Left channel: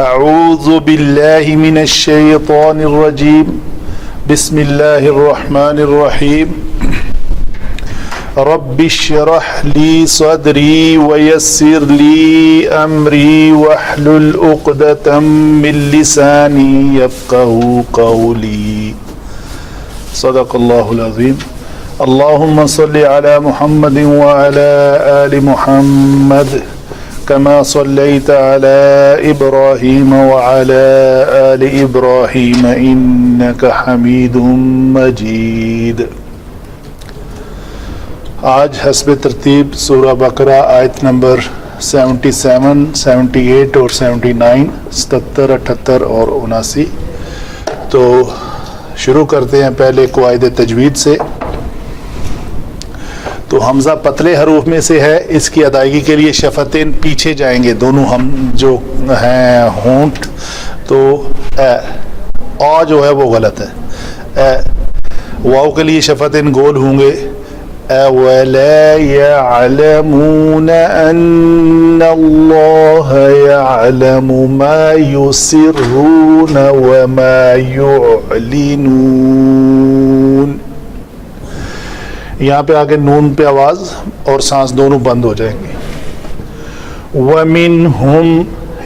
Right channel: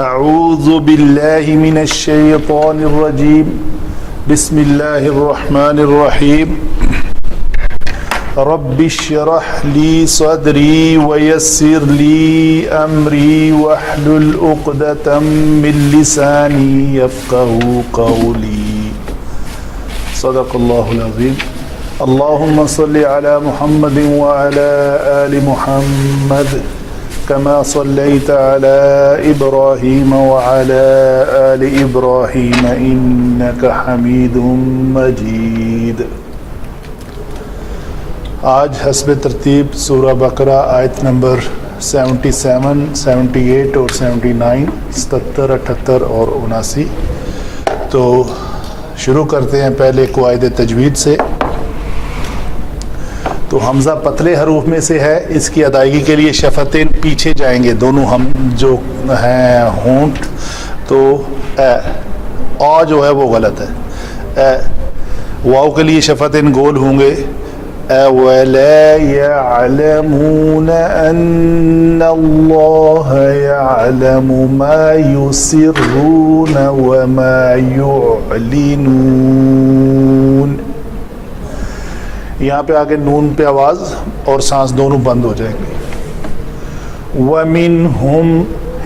اعوذ باللہ من الشیطان الرجیم بسم اللہ الرحمن الرحیم رب اشرح لی صدری ویسر لی امری واحلل عقدۃ من لسانی یفقهوا قولی صدق اللہ العظیم. اللہم صل علی محمد وعلی آل محمد كما صليت على إبراهيم وعلى آل إبراهيم إنك حميد مجيد. آج حسب ترتیب سورہ بقرہ آیت نمبر 77, 78 اور 79, 77, 78 اور 79. تو شروع کرتے ہیں پہلے قواعد تجوید سے. تو حمزہ پتلے حروف میں سے ہے, اس کی ادائیگی کے لیے شفتین پیچھے جائیں گے, دونوں ہم جو ہیں ہونٹ. تو آ جو ہے وہ غلط ہے. واو کے لیے شفتین گول ہوں گے. وَلَا يَعْلَمُونَ أَنَّ اللَّهَ يَعْلَمُ مَا يُسِرُّونَ وَمَا يُعْلِنُونَ. یہاں پہ آگے نون پہ آواز اور سانس دونوں بند ہو جائیں گے. وَمِنْهُمْ,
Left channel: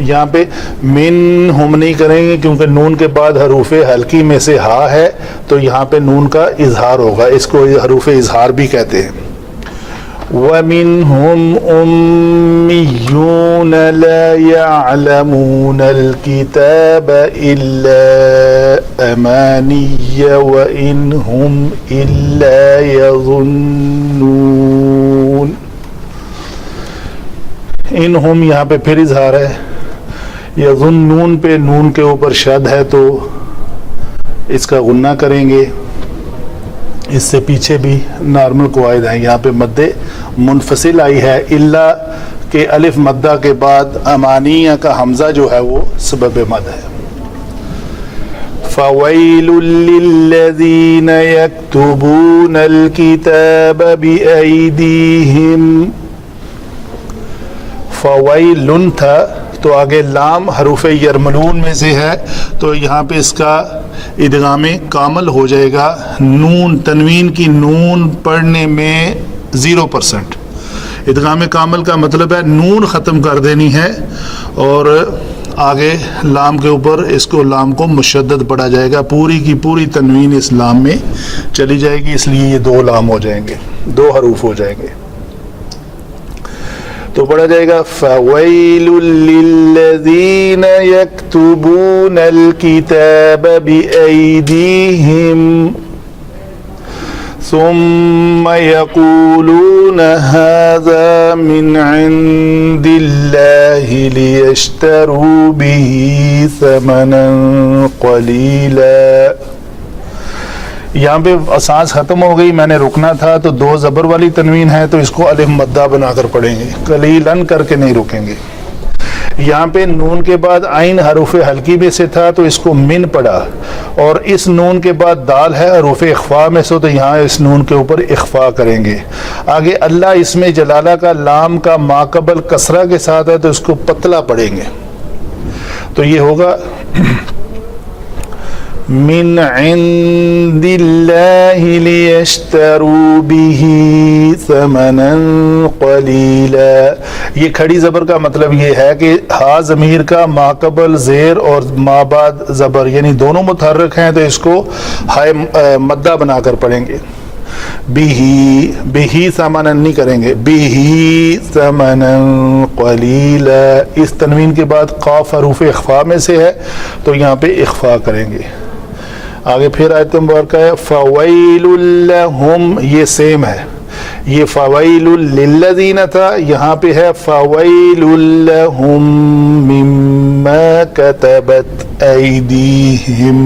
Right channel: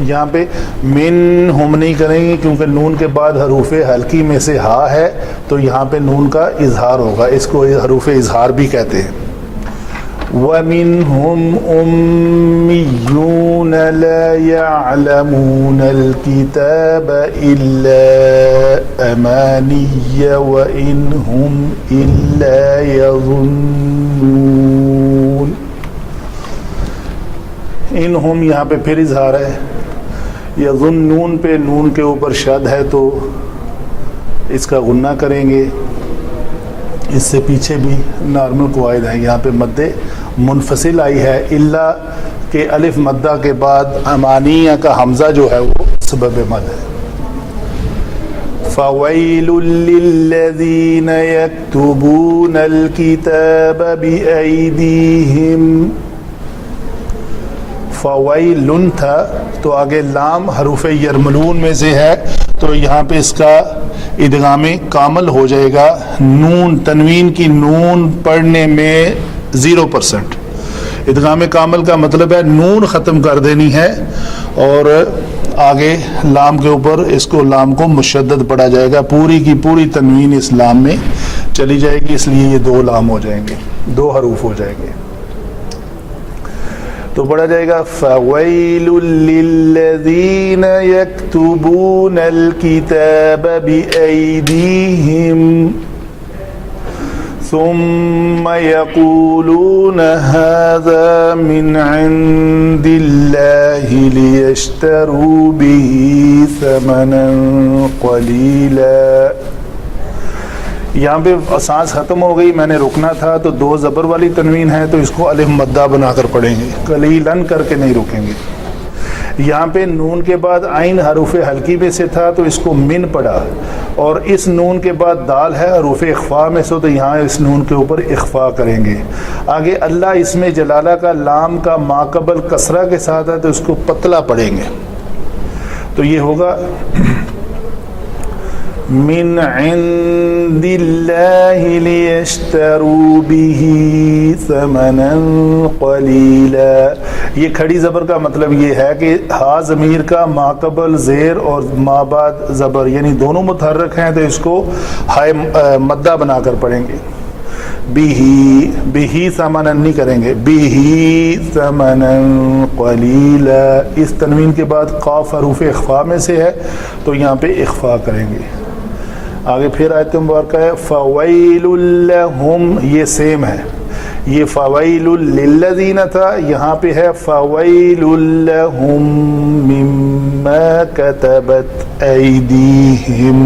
یہاں پہ منہم نہیں کریں گے کیونکہ نون کے بعد حروف حلقی میں سے ہا ہے, تو یہاں پہ نون کا اظہار ہوگا, اس کو حروف اظہار بھی کہتے ہیں. وَمِنْهُمْ أُمِّيُّونَ لَا يَعْلَمُونَ الْكِتَابَ إِلَّا أَمَانِيَّ وَإِنْ هُمْ إِلَّا يَظُنُّونَ. انہم یہاں پہ پھر اظہار ہے. یظنون پہ نون کے اوپر شد ہے تو اس کا غنہ کریں گے. اس سے پیچھے بھی نارمل قواعد ہیں. یہاں پہ مد منفصل آئی ہے الا کہ الف مدہ کے بعد امانیہ کا حمزہ جو ہے وہ سبب مد ہے. فَوَيْلٌ لِّلَّذِينَ يَكْتُبُونَ الْكِتَابَ بِأَيْدِيهِمْ. فَوَيْلٌ تھا تو آگے لام حروف یرملون میں سے ہے, تو یہاں پہ اس کا ادغام کامل ہو جائے گا. نون تنوین کی نون پڑھنے میں 0%. ادغام کامل کا مطلب ہے نون ختم کر دینی ہے اور آگے لام کے اوپر اس کو لام کو مشدد پڑھا جائے گا. پوری کی پوری تنوین اس لام میں چلی جائے گی, اس لیے یہ 2 لام ہو جائیں گے, 2 حروف ہو جائیں گے. تو پڑھا جائے گا فَوَيْلٌ لِّلَّذِينَ يَكْتُبُونَ الْكِتَابَ بِأَيْدِيهِمْ ثُمَّ يَقُولُونَ هَذَا مِنْ عِنْدِ اللَّهِ لِيَشْتَرُوا بِهِ ثَمَنًا قَلِيلًا. یہاں پہ سانس ختم ہو گئی, میں نے رکنا تھا, تو 2 زبر والی تنوین ہے تو اس کو الف مدہ بنا کر پڑھیں گے, قلیلاً کر کے نہیں رکیں گے. یہاں پہ نون کے بعد عین حروف حلقی میں سے تھا تو اس کو من پڑھا, اور اس نون کے بعد دال ہے حروف اخفاء میں سے, تو یہاں اس نون کے اوپر اخفاء کریں گے. آگے اللہ اس میں جلالہ کا لام کا ماقبل کسرہ کے ساتھ ہے تو اس کو پتلا پڑھیں گے. تو یہ ہوگا من عند اللہ لیشتروا بہ ثمنا قلیلا. یہ کھڑی زبر کا مطلب یہ ہے کہ ہا ضمیر کا ماقبل زیر اور ما بعد زبر یعنی دونوں متحرک ہیں, تو اس کو ہائے مدہ بنا کر پڑھیں گے. بہی ثمنا نہیں کریں گے, بہی ثمنا قلیلا. اس تنوین کے بعد قاف حروف اخفاء میں سے ہے تو یہاں پہ اخفاء کریں گے. آگے پھر آیت مبارکہ ہے فَوَيْلٌ لَهُمْ, یہ سیم ہے. یہ فَوَيْلٌ لِّلَّذِينَ تھا, یہاں پہ ہے فَوَيْلٌ لَهُمْ مِمَّا كَتَبَتْ أَيْدِيهِمْ.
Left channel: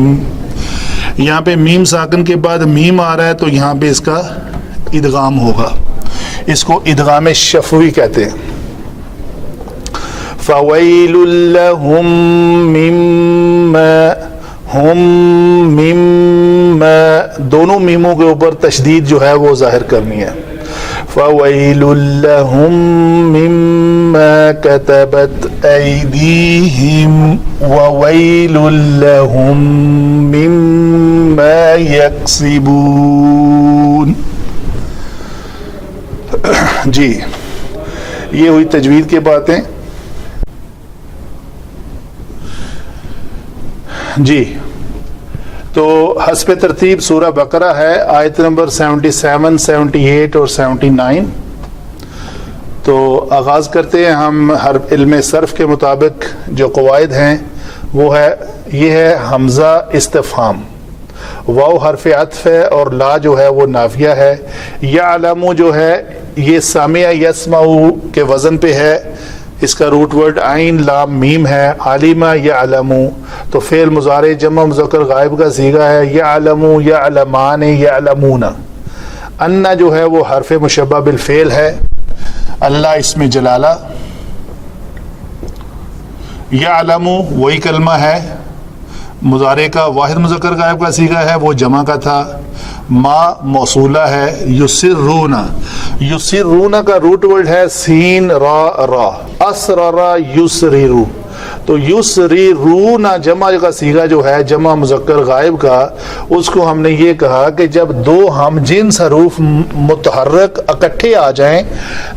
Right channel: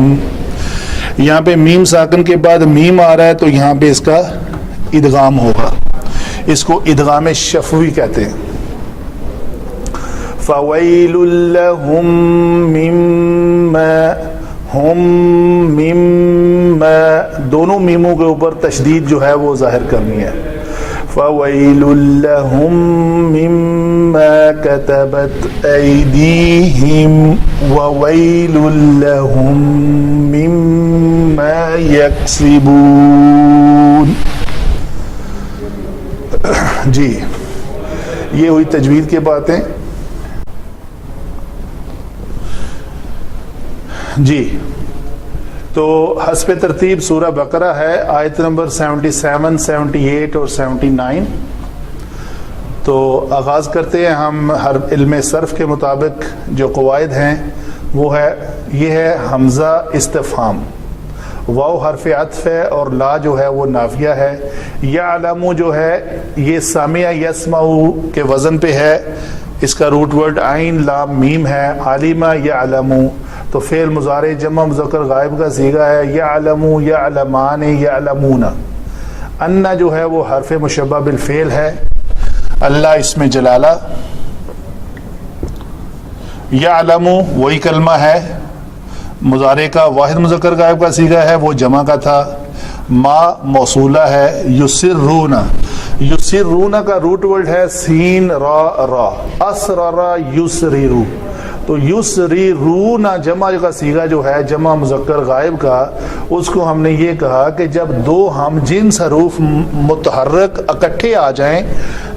یہاں پہ میم ساکن کے بعد میم آ رہا ہے تو یہاں پہ اس کا ادغام ہوگا. اس کو ادغام شفوی کہتے ہیں. فَوَيْلٌ لَهُمْ مِمَّا ہم مما, دونوں میموں کے اوپر تشدید جو ہے وہ ظاہر کرنی ہے. فَوَيْلٌ لَهُمْ مِمَّا ما كتبت أيديهم وويل لهم مما يكسبون. جی یہ ہوئی تجوید کی باتیں. جی تو حسب ترتیب سورہ بقرہ ہے، آیت نمبر 77، 78 اور 79. تو آغاز کرتے ہیں ہم. ہر علم صرف کے مطابق جو قواعد ہیں وہ ہے، یہ ہے حمزہ استفہام، واو حرف عطف ہے اور لا جو ہے وہ نافیہ ہے. یعلم جو ہے یہ سامع یسمع کے وزن پہ ہے، اس کا روٹ ورڈ عین لام میم ہے. عالمہ یعلم تو فعل مضارع جمع مذکر غائب کا صیغہ ہے. یعلم یعلمان یعلمون. ان جو ہے وہ حرف مشبہ بالفعل ہے. اللہ اس میں جلالہ. یعلم وہی کلمہ ہے، مضارع کا واحد مذکر غائب کا صیغہ ہے، وہ جمع کا تھا. ما موصولہ ہے. یسرون، یسرون کا روٹ ورڈ ہے سین را را. اسرر یسررو تو یسررون جمع کا صیغہ جو ہے جمع مذکر غائب کا، اس کو ہم نے یہ کہا کہ جب دو ہم جنس حروف متحرک اکٹھے آ جائیں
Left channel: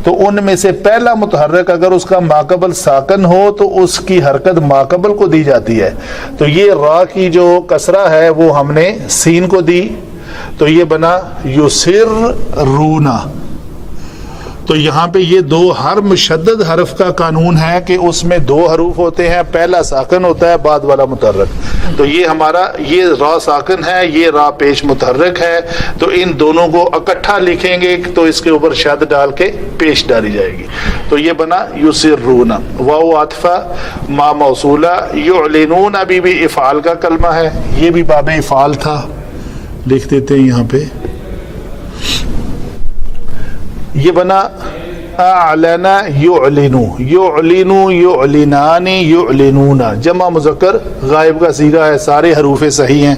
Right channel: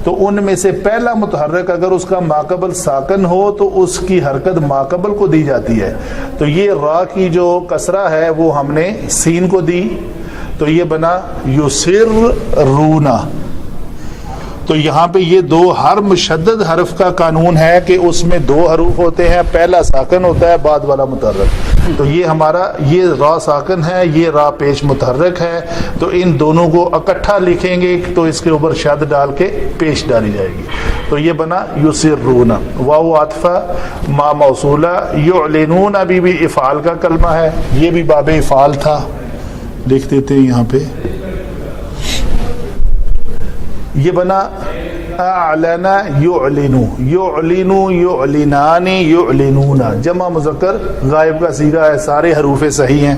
تو ان میں سے پہلا متحرک اگر اس کا ماقبل ساکن ہو تو اس کی حرکت ماقبل کو دی جاتی ہے. تو یہ را کی جو کسرہ ہے وہ ہم نے سین کو دی، تو یہ بنا یسررونا. تو یہاں پہ یہ دو ہر مشدد حرف کا قانون ہے کہ اس میں دو حروف ہوتے ہیں، پہلا ساکن ہوتا ہے بعد والا متحرک. تو یہ ہمارا یہ را ساکن ہے، یہ را پیش متحرک ہے، تو ان دونوں کو اکٹھا لکھیں گے تو اس کے اوپر شد ڈال کے پیش ڈالی جائے گی. تو یہ بنا یسرون. واو عاطفہ، ما موصولہ. یعلنون ابھی بھی افعال کا کلمہ ہے، یہ بھی باب افعال تھا، لکھ دیتے ہیں یہاں پہ. یہ بنا اعلن یعلن، یعلن یعلنان یعلنون. جمع مذکر غائب کا صیغہ ہے، سارے حروف صحیح ہیں،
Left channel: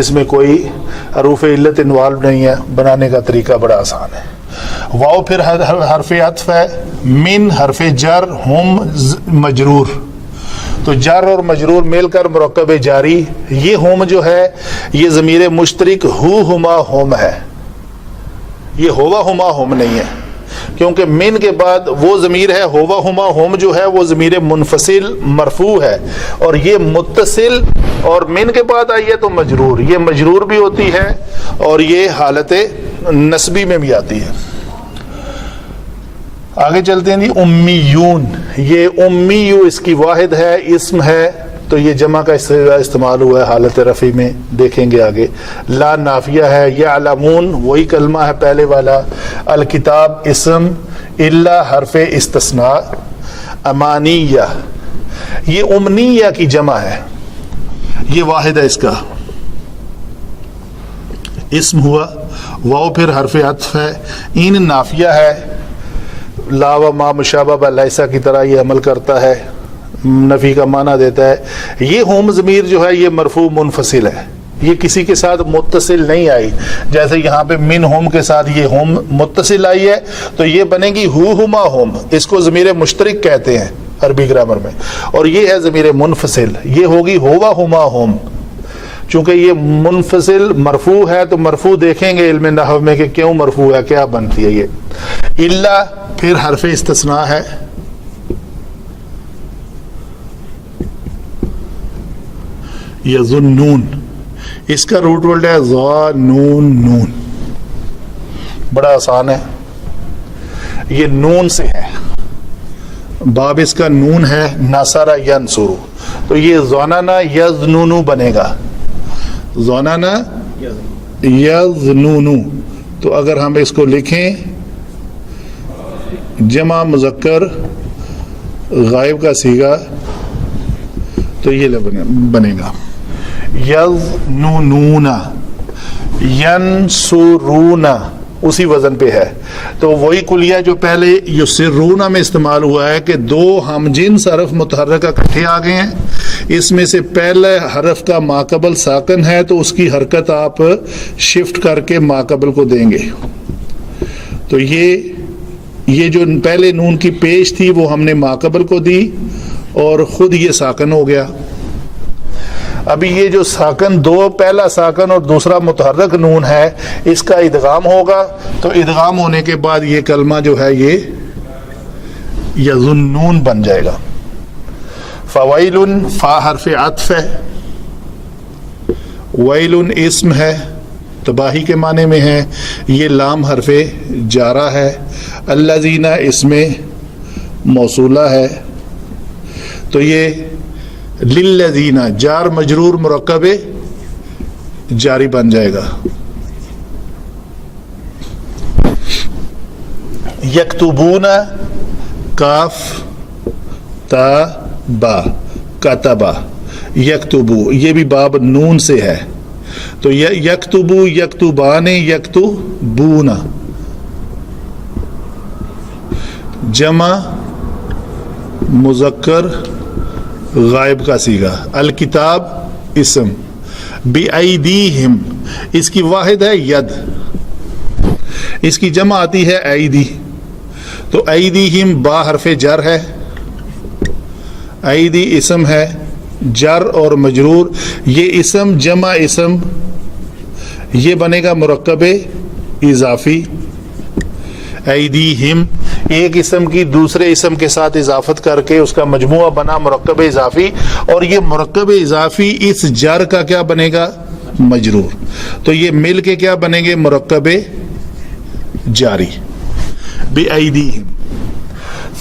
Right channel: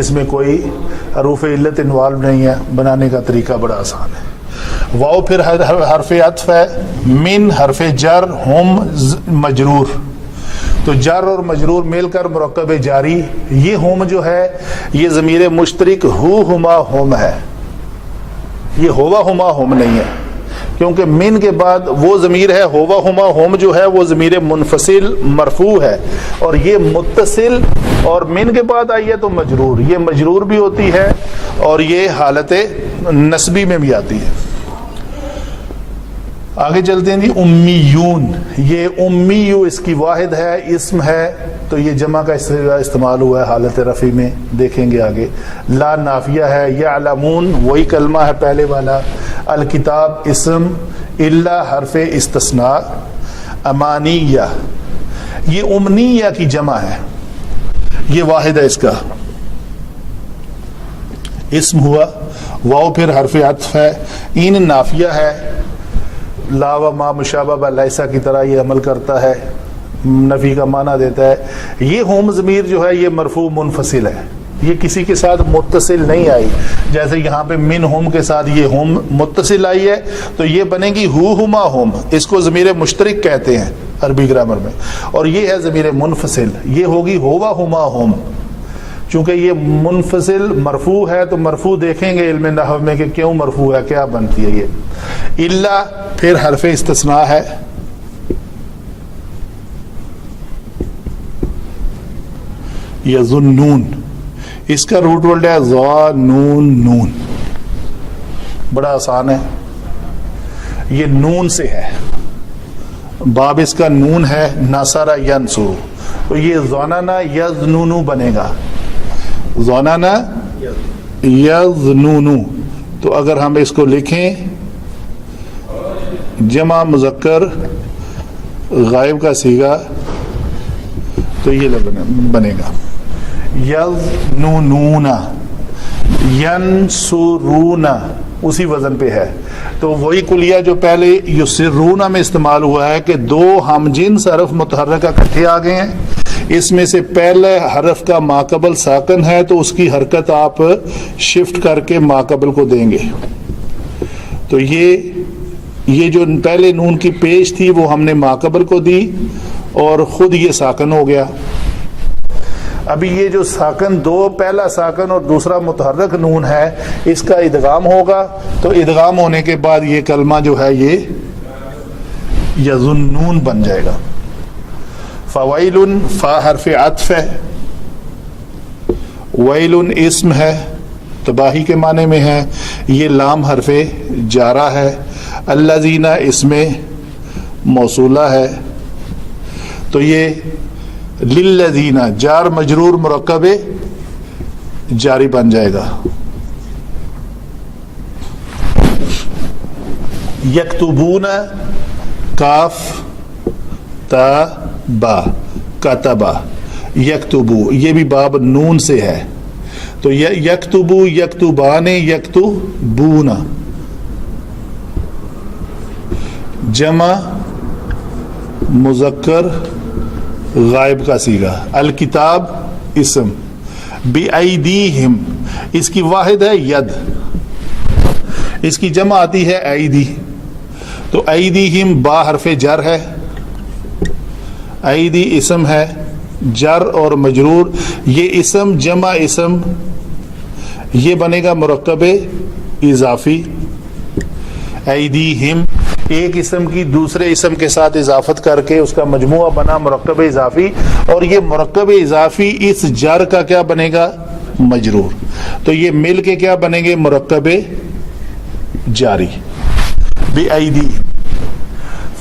اس میں کوئی حروف علت انوالو نہیں ہے. بنانے کا طریقہ بڑا آسان ہے. واو پھر حرف عطف ہے. من حرف جر، ہم مجرور. تو جر اور مجرور مل کر مرکب جاری. یہ ہوم جو ہے یہ ضمیر مشترک ہو ہما ہوم ہے، یہ ہوا ہما ہوم نہیں ہے، کیونکہ من کے بعد وہ ضمیر ہے ہوا ہما ہوم جو ہے وہ ضمیر منفصل مرفوع ہے، اور یہ متصل اور من کے بعد آئی ہے تو مجرور. یہ مجرور بھی ہوتی ہے اور یہ حالت نسبی میں بھی آتی ہے. آگے چلتے ہیں جی. امیون، یہ امیو اس کی واحد ہے، اسم ہے، تو یہ جمع کا استعمال ہوا ہے حالت رفع میں، دیکھیں گے آگے. لا نافیہ ہے. یعلمون وہی کلمہ ہے پہلے والا. الکتاب اسم. الا حرف استثناء. امانیہ، یہ امنیہ کی جمع ہے، یہ واحد ہے، اس کا اسم ہوا. واو پھر حرف عطف ہے. این نافیہ ہے. لا و ما مشابہ لیسا کی طرح یہ عمل کرتا ہے، نفی کا معنی دیتا ہے. یہ ہوم ضمیر جو ہے یہ مرفوع منفصل ہے، یہ کسی کے ساتھ متصل نہیں آئی. جیسے یہاں پہ من ہوم کے ساتھ یہ ہوم متصل آئی ہے تو یہ بنے گی ہو ہما ہوم. اس کو ضمیر مشترک کہتے ہیں عربی گرامر میں، اور یہ ہے ضمیر منفصل، یہ ہوگی ہوا ہما ہوم. چونکہ یہ منفصل مرفوع ہے تو مرفوع دیکھیں گے علم نحو میں کہ کیوں مرفوع ہے، کیا بنتی ہے یہ. الا پھر حرف استثناء ہے. یظنون، اس کا روٹ ورڈ ہے ظا نون نون. بڑا آسان ہے، یہ نون سے ہے، باب اس کا نون ہے. نصر ینصر، تو یہ ظنن یظنن بنے گا. ظنن یظنن، تو اگر ہم اس کو لکھیں جمع مذکر غائب کا صیغہ تو یہ بنے گا یظنون ینصرون، اسی وزن پہ ہے. تو وہی کلیہ جو پہلے یسرون میں استعمال ہوا ہے کہ دو ہم جنس حرف متحرک اکٹھے آ گئے ہیں، اس میں سے پہلے حرف کا ماقبل ساکن ہے تو اس کی حرکت آپ شفٹ کر کے ماقبل کو دیں گے. تو یہ یہ جو پہلے نون کی پیش تھی وہ ہم نے ماقبل کو دی اور خود یہ ساکن ہو گیا. ابھی یہ جو ساکن دو، پہلا ساکن اور دوسرا متحرک نون ہے، اس کا ادغام ہوگا، تو ادغام ہونے کے بعد یہ کلمہ جو ہے یہ یظنون بن جائے گا. فویل، فا حرف عطف ہے، ویل اسم ہے، تباہی کے معنی میں ہے. یہ لام حرف جارہ ہے. الذین اسم موصولہ ہے، تو یہ للذین جار مجرور مرکب جاری بن جائے گا. یکتبون، کاف تا با، کتبا، یکتبو، یہ بھی باب نون سے ہے، تو یکتبو، یکتبان، یکتبون. جمع مذکر غائب کا صیغہ. الکتاب اسم. بِأَيْدِيهِمْ، اس کی واحد ہے ید، اس کی جمع آتی ہے ایدی، تو ایدیہم با حرف جر ہے، ایدی اسم ہے، جر اور مجرور. یہ اسم جمع اسم، یہ بنے گا مرکب اضافی. ایدیہم ایک اسم کی دوسرے اسم کے ساتھ اضافت کر کے اس کا مجموعہ بنا مرکب اضافی، اور یہ مرکب اضافی اس جر کا کیا بنے گا؟ مجرور. تو یہ مل کے کیا بنیں گے؟ مرکب جاری. بِأَيْدِيهِمْ.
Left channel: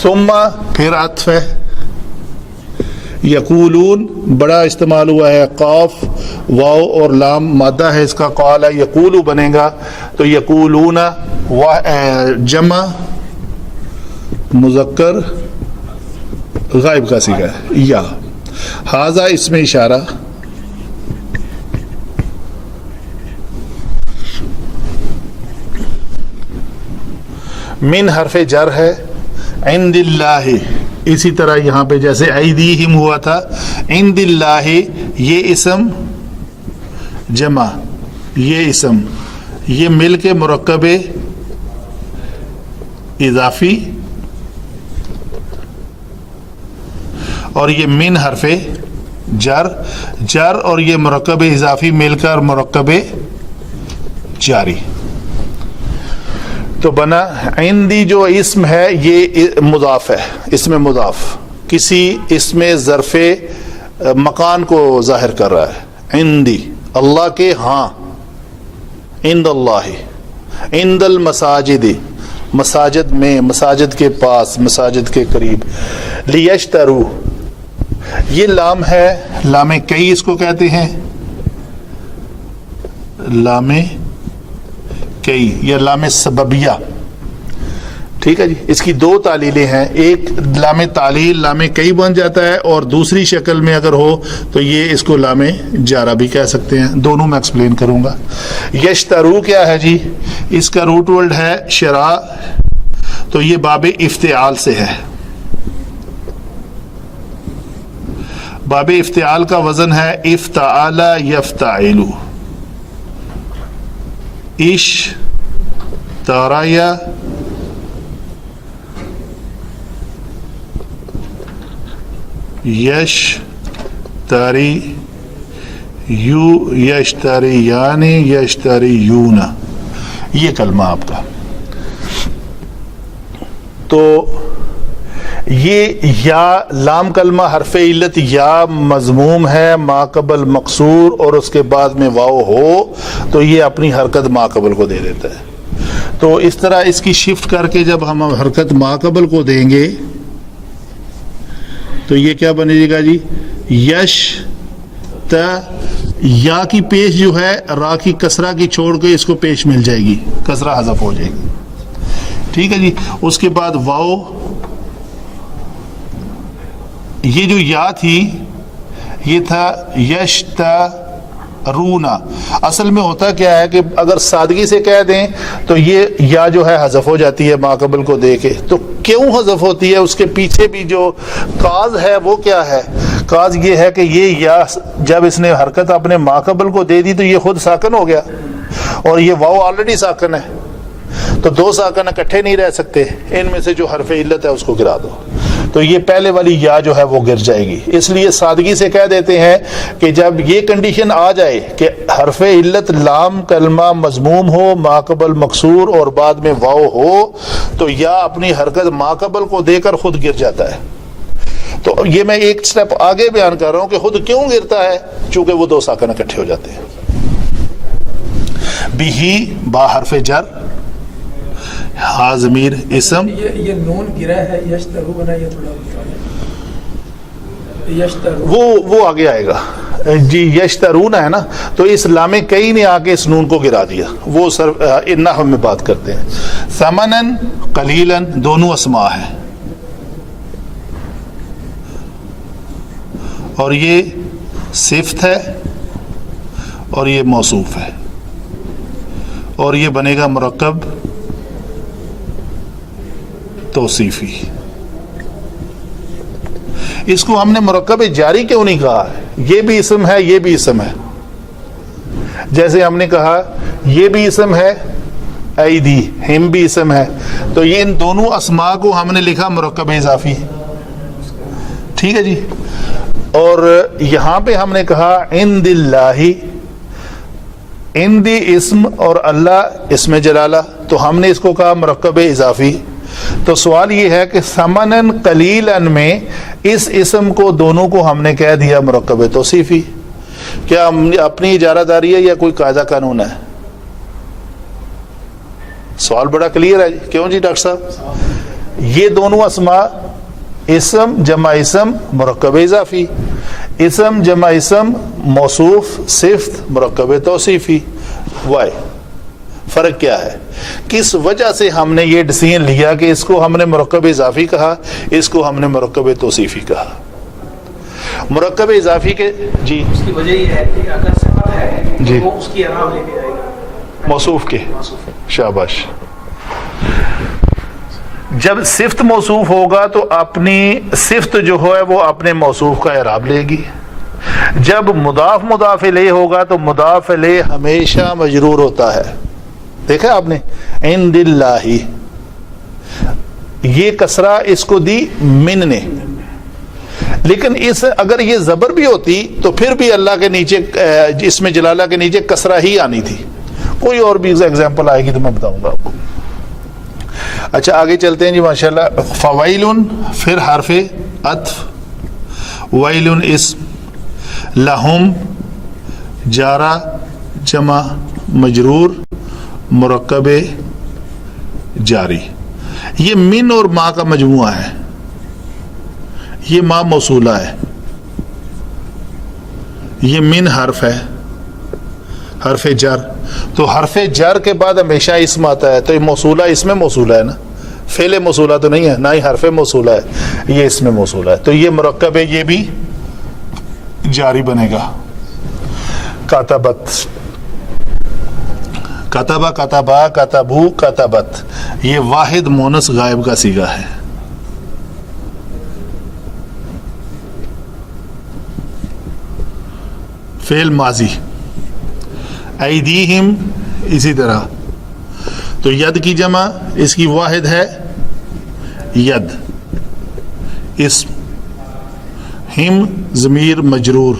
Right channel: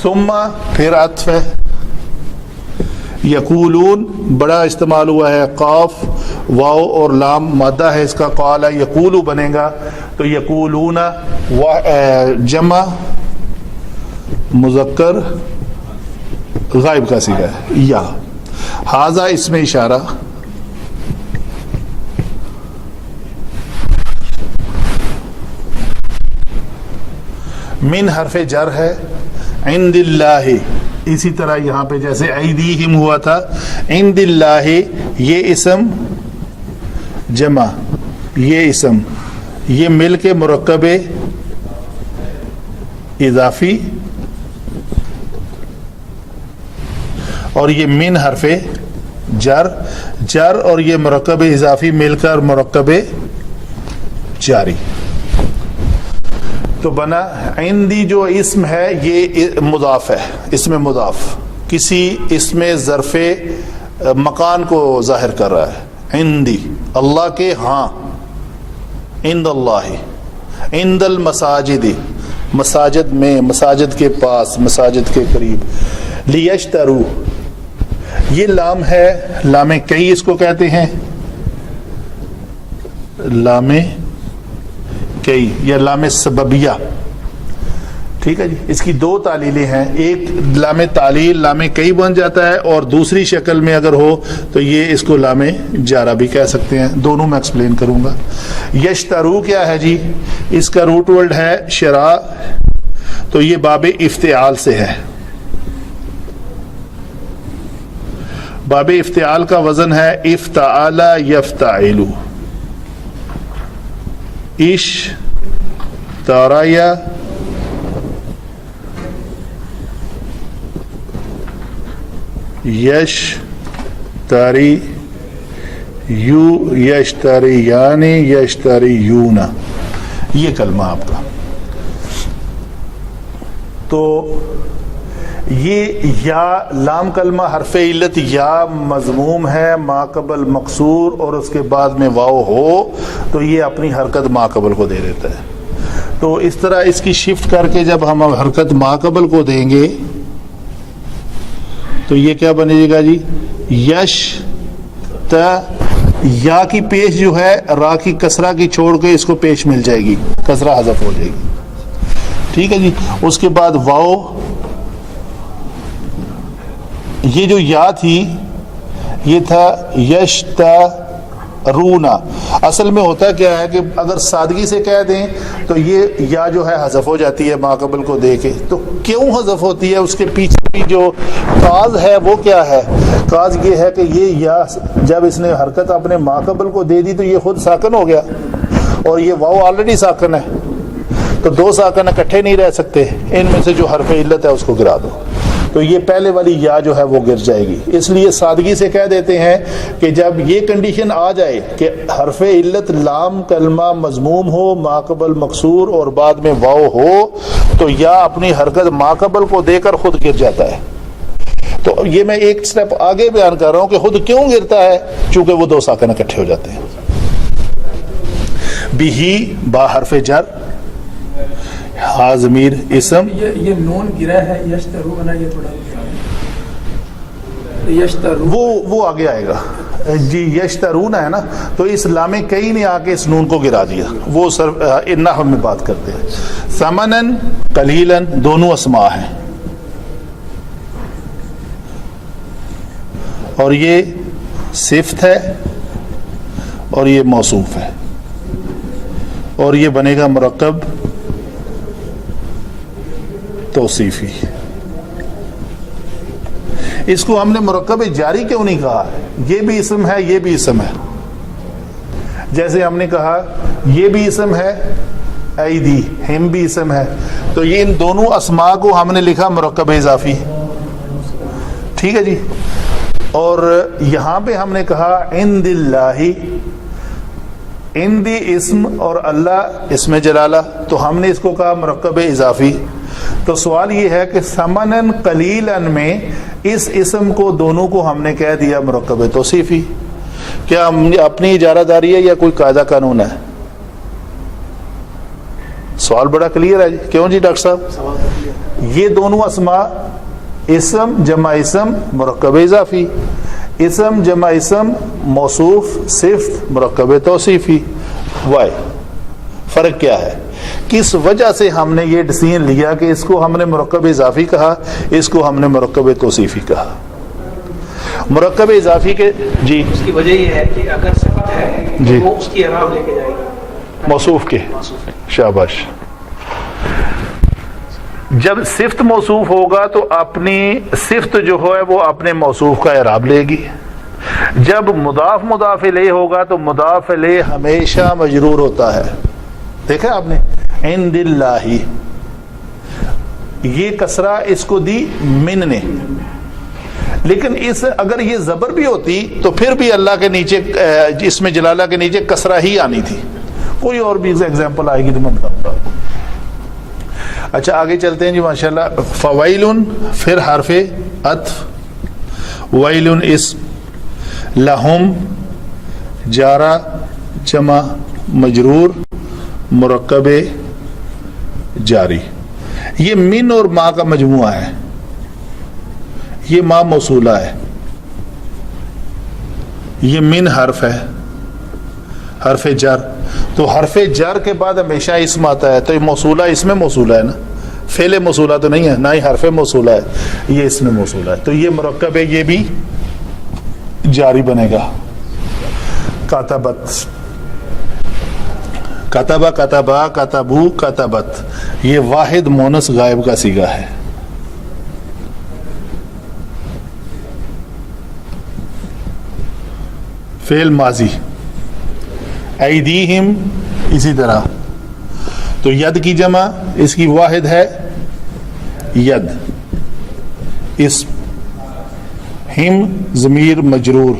ثم پھر عطف ہے. یقولون بڑا استعمال ہوا ہے، قاف واو اور لام مادہ ہے اس کا، قال یقول بنے گا، تو یقولون جمع مذکر غائب کا صیغہ ہے. یا ھذا اس میں اشارہ. من حرف جر ہے. عند اللہ، اسی طرح یہاں پہ جیسے ایدیہم ہوا تھا، عند اللہ یہ اسم جمع، یہ اسم، یہ مل کے مرکب اضافی، اور یہ من حرف جر، جر اور یہ مرکب اضافی مل کر مرکب جاری. تو بنا عندی جو اسم ہے یہ مضاف ہے، اسم مضاف کسی اسم ظرف مکان کو ظاہر کر رہا ہے. عندی اللہ کے ہاں، عند اللہ، عند المساجد مساجد میں، مساجد کے پاس، مساجد کے قریب. لیشترو یہ لام ہے، لام کئی اس کو کہتے ہیں، لام کئی یا لام سببیہ. ٹھیک ہے جی. اس کی دو تعلیلیں ہیں، ایک لام تعلیل لام کئی بن جاتا ہے، اور دوسری شکل میں اگر ہو تو یہ اس کو لام جارہ بھی کہہ سکتے ہیں. دونوں میں ایکسپلین کروں گا. یشترو کیا ہے جی؟ اس کا روٹ ورڈ ہے شراء، تو یہ باب افتعال سے ہے. باب افتعال کا وزن ہے افتعال یفتعل. اشتریا یشتری یو یشتریان یشتریون، یہ کلمہ آپ کا. تو یہ یا لام کلمہ حرف علت یا مضموم ہے، ما قبل مقصور اور اس کے بعد میں واو ہو تو یہ اپنی حرکت ما قبل کو دے دیتا ہے. تو اس طرح اس کی شفٹ کر کے جب ہم حرکت ما قبل کو دیں گے تو یہ کیا بنے گا جی؟ یش تا، یا کی پیش جو ہے را کی کسرہ کی چھوڑ کے اس کو پیش مل جائے گی، کسرہ حذف ہو جائے گی. ٹھیک ہے جی. اس کے بعد واو، یہ جو یا تھی یہ تھا یشترونا. اصل میں ہوتا کیا ہے کہ اگر سادگی سے کہہ دیں تو یہ یا جو ہے حذف ہو جاتی ہے ما قبل کو دے کے. تو کیوں حذف ہوتی ہے؟ اس کے پیچھے بھی جو کاز ہے وہ کیا ہے؟ کاز یہ ہے کہ یہ یا جب اس نے حرکت اپنے ما قبل کو دے دی تو یہ خود ساکن ہو گیا، اور یہ واو آلریڈی ساکن ہے. تو دو ساکن اکٹھے نہیں رہ سکتے، ان میں سے جو حرف علت ہے اس کو گرا دو، تو یہ پہلے والی یا جو ہے وہ گر جائے گی۔ اس لیے سادگی سے کہہ دیتے ہیں کہ جب یہ کنڈیشن آ جائے کہ حرف علت لام کلمہ مضموم ہو، ما قبل مکسور اور بعد میں واو ہو، تو یا اپنی حرکت ما قبل کو دے کر خود گر جاتا ہے۔ تو یہ میں ایک سٹیپ آگے بیان کر رہا ہوں کہ خود کیوں گرتا ہے، چونکہ وہ دو ساکن اکٹھے ہو جاتے ہیں۔ بھی با حرف جر، ہا ضمیر اسم، یہ نون گرا ہے یشترو بنا، یہ پڑھا یشترو، وہ آگے آئے گا جی۔ یشترون ہے نا، تو اس لام کئی نے آ کے اس نون کو گرا دیا، وہ نحو میں بات کرتے ہیں۔ ثمنن قلیلاً دونوں اسماء ہیں، اور یہ صفت ہے اور یہ موصوف ہے، اور یہ بنے گا مرکب توصیفی۔ اس کو ہم نے مرکب جاری کیوں نہیں کہا ہے؟ یہ بھی اسم ہے، یہ بھی اسم ہے۔ جیسے ہم نے کہا یہ بھی اسم ہے، ایدی ہم بھی اسم ہے، تو یہ ان دونوں اسماء کو ہم نے لکھا مرکب اضافی، ٹھیک ہے جی۔ اور یہاں پہ ہم نے کہا عند اللہ، عندی اسم اور اللہ اسم جلالہ، تو ہم نے اس کو کہا مرکب اضافی۔ تو سوال یہ ہے کہ ثمنن قلیلاً میں اس اسم کو دونوں کو ہم نے کہہ دیا مرکب توصیفی۔ کیا اپنی اجارہ داری ہے یا کوئی قاعدہ قانون ہے؟ سوال بڑا کلیئر ہے جی، کیوں جی ڈاکٹر صاحب؟ یہ دونوں اسماء اسم جمع اسم مرکب اضافی، اسم جمع اسم موصوف صفت مرکب توصیفی۔ وائی فرق کیا ہے؟ کس وجہ سے ہم نے یہ ڈیسیژن لیا کہ اس کو ہم نے مرکب اضافی کہا، اس کو ہم نے مرکب توصیفی کہا؟ مرکب اضافی کے جی اس کی وجہ یہ ہے کہ اگر صفت ہے جی وہ اس کی اعراب لے کے جائے گا موصوف کے، شاباش۔ جب صفت موصوف ہوگا تو اپنی صفت جو ہے وہ اپنے موصوف کا اعراب لے گی۔ جب مضاف مضاف الیہ ہوگا تو مضاف الیہ ہمیشہ مجرور ہوتا ہے، دیکھا آپ نے، عند اللہ، یہ کسرہ اس کو دی من نے، لیکن اس اگر یہ زبر بھی ہوتی تو پھر بھی اللہ کے نیچے اس میں جلالہ کے نیچے کسرہ ہی آنی تھی۔ کوئی اور بھی ایگزامپل آئے گی تو میں بتاؤں گا آپ کو۔ اچھا آگے چلتے ہیں جی ماشاءاللہ۔ فویلن پھر حرف عطف، ویلن اسم، لہم جارہ جمع مجرور مرکب جاری۔ یہ من اور ما کا مجموعہ ہے، یہ ما موصولہ ہے، یہ من حرف ہے، حرف جر، تو حرف جر کے بعد ہمیشہ اسم آتا ہے، تو یہ موصولہ اس میں موصولہ ہے نا، فعل موصولہ تو نہیں ہے، نہ ہی حرف موصولہ ہے، یہ اس میں موصولہ ہے، تو یہ مرکب ہے، یہ بھی جاری بنے گا۔ کاتبت، کتبہ کتبہ کتبو کتبت، یہ واحد مونس غائب کا صیغہ ہے۔ فعل ماضی، ایدیہم اسی طرح، تو ید کی جمع اس کی واحد ہے ید، اسم، ہم ضمیر مجرور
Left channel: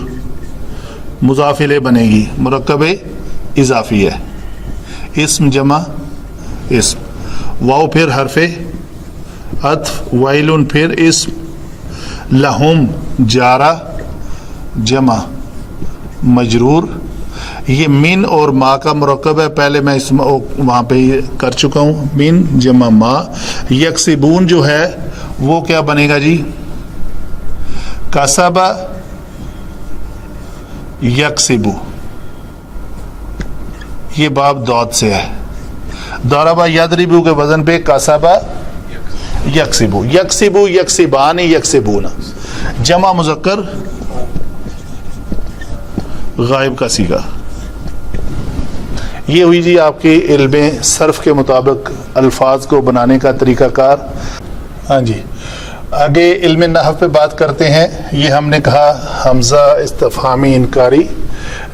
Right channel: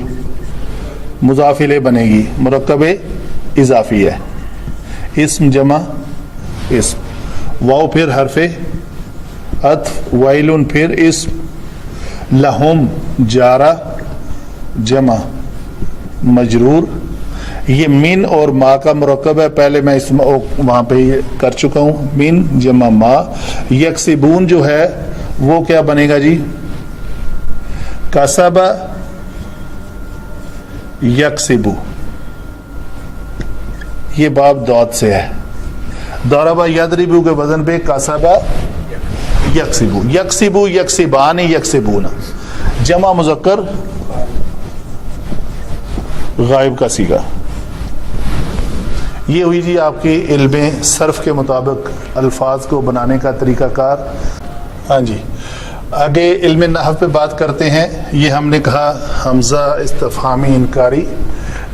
مضاف الیہ بنے گی، مرکب اضافی ہے، اسم جمع اسم، واو پھر حرف عطف، ویلن پھر اسم، لہم جارہ جمع مجرور، یہ من اور ما کا مرکب ہے، پہلے میں اس وہاں پہ کر چکا ہوں، من جمع ما۔ یکسبون جو ہے وہ کیا بنے گا جی؟ کسب یکسبو، یہ باب دود سے ہے، ضرب یضرب کے وزن پہ کسب یکسبو، یکسبو یکسبان یکسبون، جمع مذکر غائب کا صیغہ۔ یہ ہوئی جی آپ کے علم صرف کے مطابق الفاظ کو بنانے کا طریقہ کار۔ ہاں جی آگے علم نحو پہ بات کرتے ہیں۔ یہ ہم نے کہا حمزہ استفہامی انکاری،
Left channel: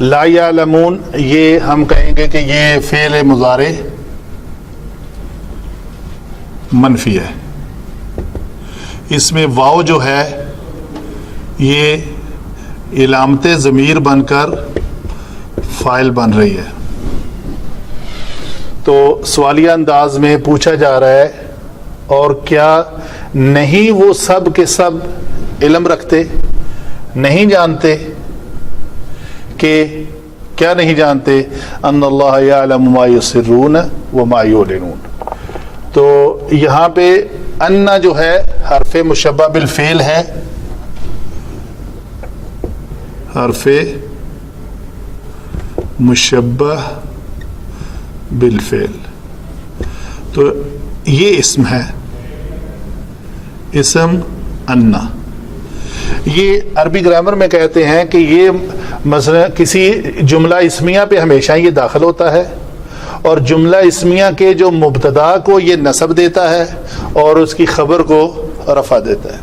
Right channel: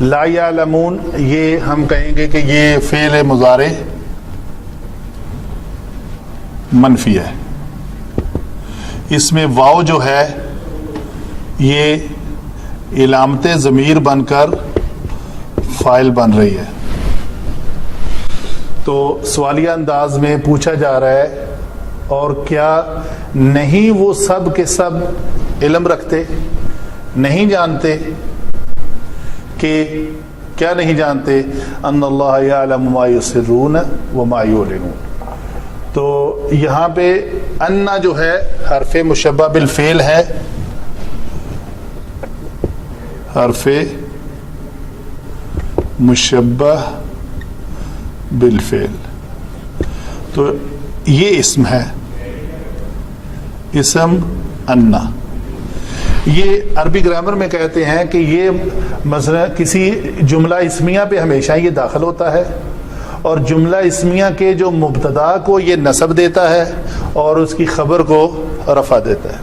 لا یعلمون، یہ ہم کہیں گے کہ یہ فعل مضارع منفی ہے. اس میں واو جو ہے یہ علامت ضمیر بن کر فاعل بن رہی ہے. تو سوالیہ انداز میں پوچھا جا رہا ہے اور کیا نہیں وہ سب کے سب علم رکھتے, نہیں جانتے کہ کیا نہیں جانتے ان اللہ یعلم ما یسرون وما یعلنون. تو یہاں پہ ان جو ہے حرف مشبہ بالفعل ہے, حرف مشبہ بالفعل. تو یہ اسم ہے, اسم انا. یہ عربی گرامر میں کہتے ہیں کہ یہ مثلا کسی جملہ اسمیہ پہ ہمیشہ یہ داخل ہوتا ہے اور جملہ اسمیہ کے جو مبتدا کو یہ نصب دیتا ہے اور اس کی خبر کو رفع دیتا ہے.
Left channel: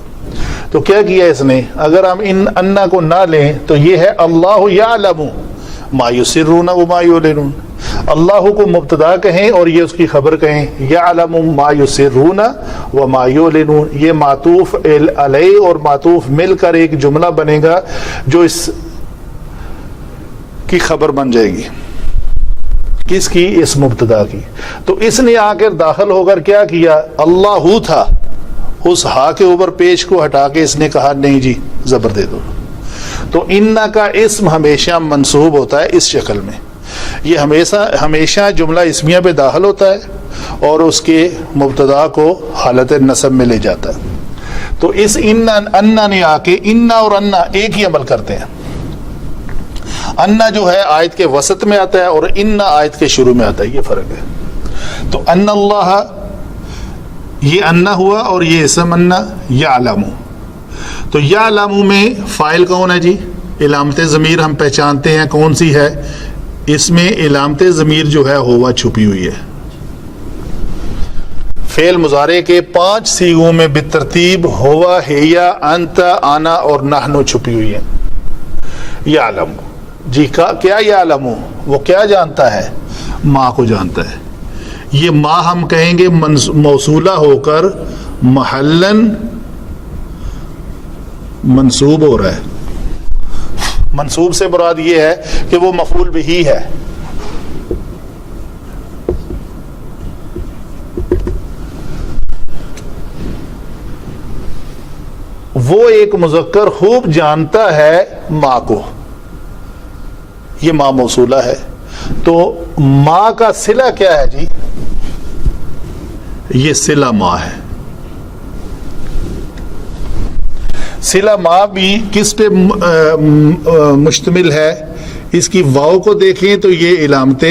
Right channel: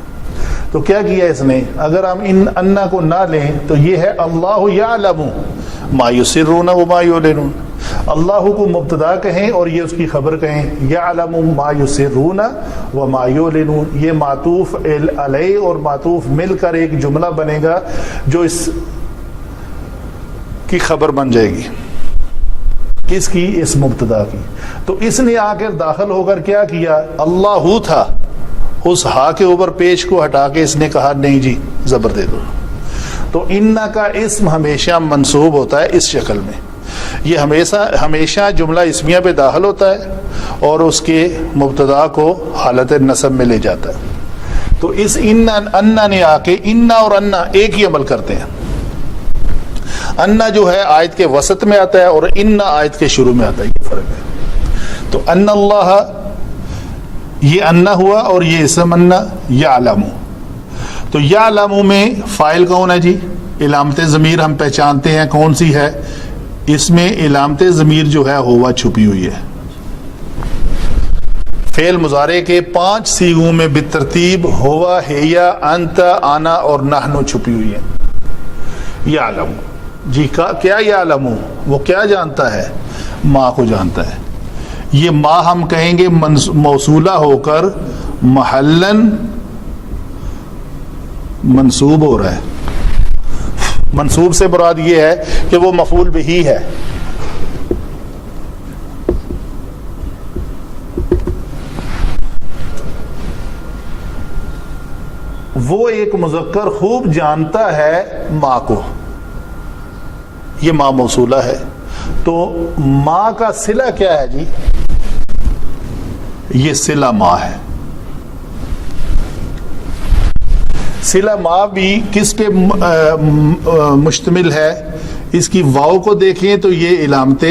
تو کیا کیا اس نے, اگر ہم ان انا کو نہ لیں تو یہ ہے اللہ یعلم ما یسرون وما یعلنون. اللہ کو مبتدا کہیں اور یہ اس کی خبر کہیں, یعلم ما یسرون وما یعلنون. یہ معطوف علیہ اور معطوف مل کر ایک جملہ بنے گا جو اس کی خبر بن جائے گی. کس کی؟ اس مبتدا کی. تو اس نے آ کر داخل ہو کر کیا کیا, اللہ تھا, اس ہا کے اوپر پیش کو ہٹا کے اس نے کہا نہیں جی زبر دے دو. تو انا کا اسم ہمیشہ منصوب ہوتا ہے اس شکل میں. یہ ہمیشہ جملہ اسمیہ پہ داخل ہوتا ہے اور اس کے مبتدا کو حالت نصب میں لے جاتا ہے. تو اس انا نے آ کے انا اور انا ایک ہی عمل کرتے ہیں. انا جو ہے آیت کے وسط میں آتا ہے اور انا آیت کے شروع میں آتا ہے, یہ فرق ہے. تو ان اللہ یہ انا ہوا اور یہ اسم انا یعلم. تو یعلم میں فاعل کون ہے جی؟ علامت ضمیر ہم پہچانتے ہیں کون سی ہے, اس میں علامت ضمیر جو ہے ہوا چھپی ہوئی ہے. فعل مضارع کے 5 صیغوں میں بالترتیب ہوا, ہیا, انت, آنا اور نحن چھپی ہوئی ہے. یعلم جی کیا یعلم, وہ کیا جانتا ہے؟ ما کو جانتا ہے. یہ ما ہم کہیں گے موصولہ ہو کر محلن منصوب ہو رہا ہے. منصوب سے مراد یہ ہے کہ وہ مفعول بہ ہے. وہ ایک مذکر خوب جانتا ہے ماں کو, یہ ماں موصولہ ہے. تو ماں کا صلہ کیا ہے جی؟ یہ صلہ ماں ہے. صلہ ماں بھی کس پہ مشتمل ہے؟ اس کی واو کو دیکھیں تو یہ علامت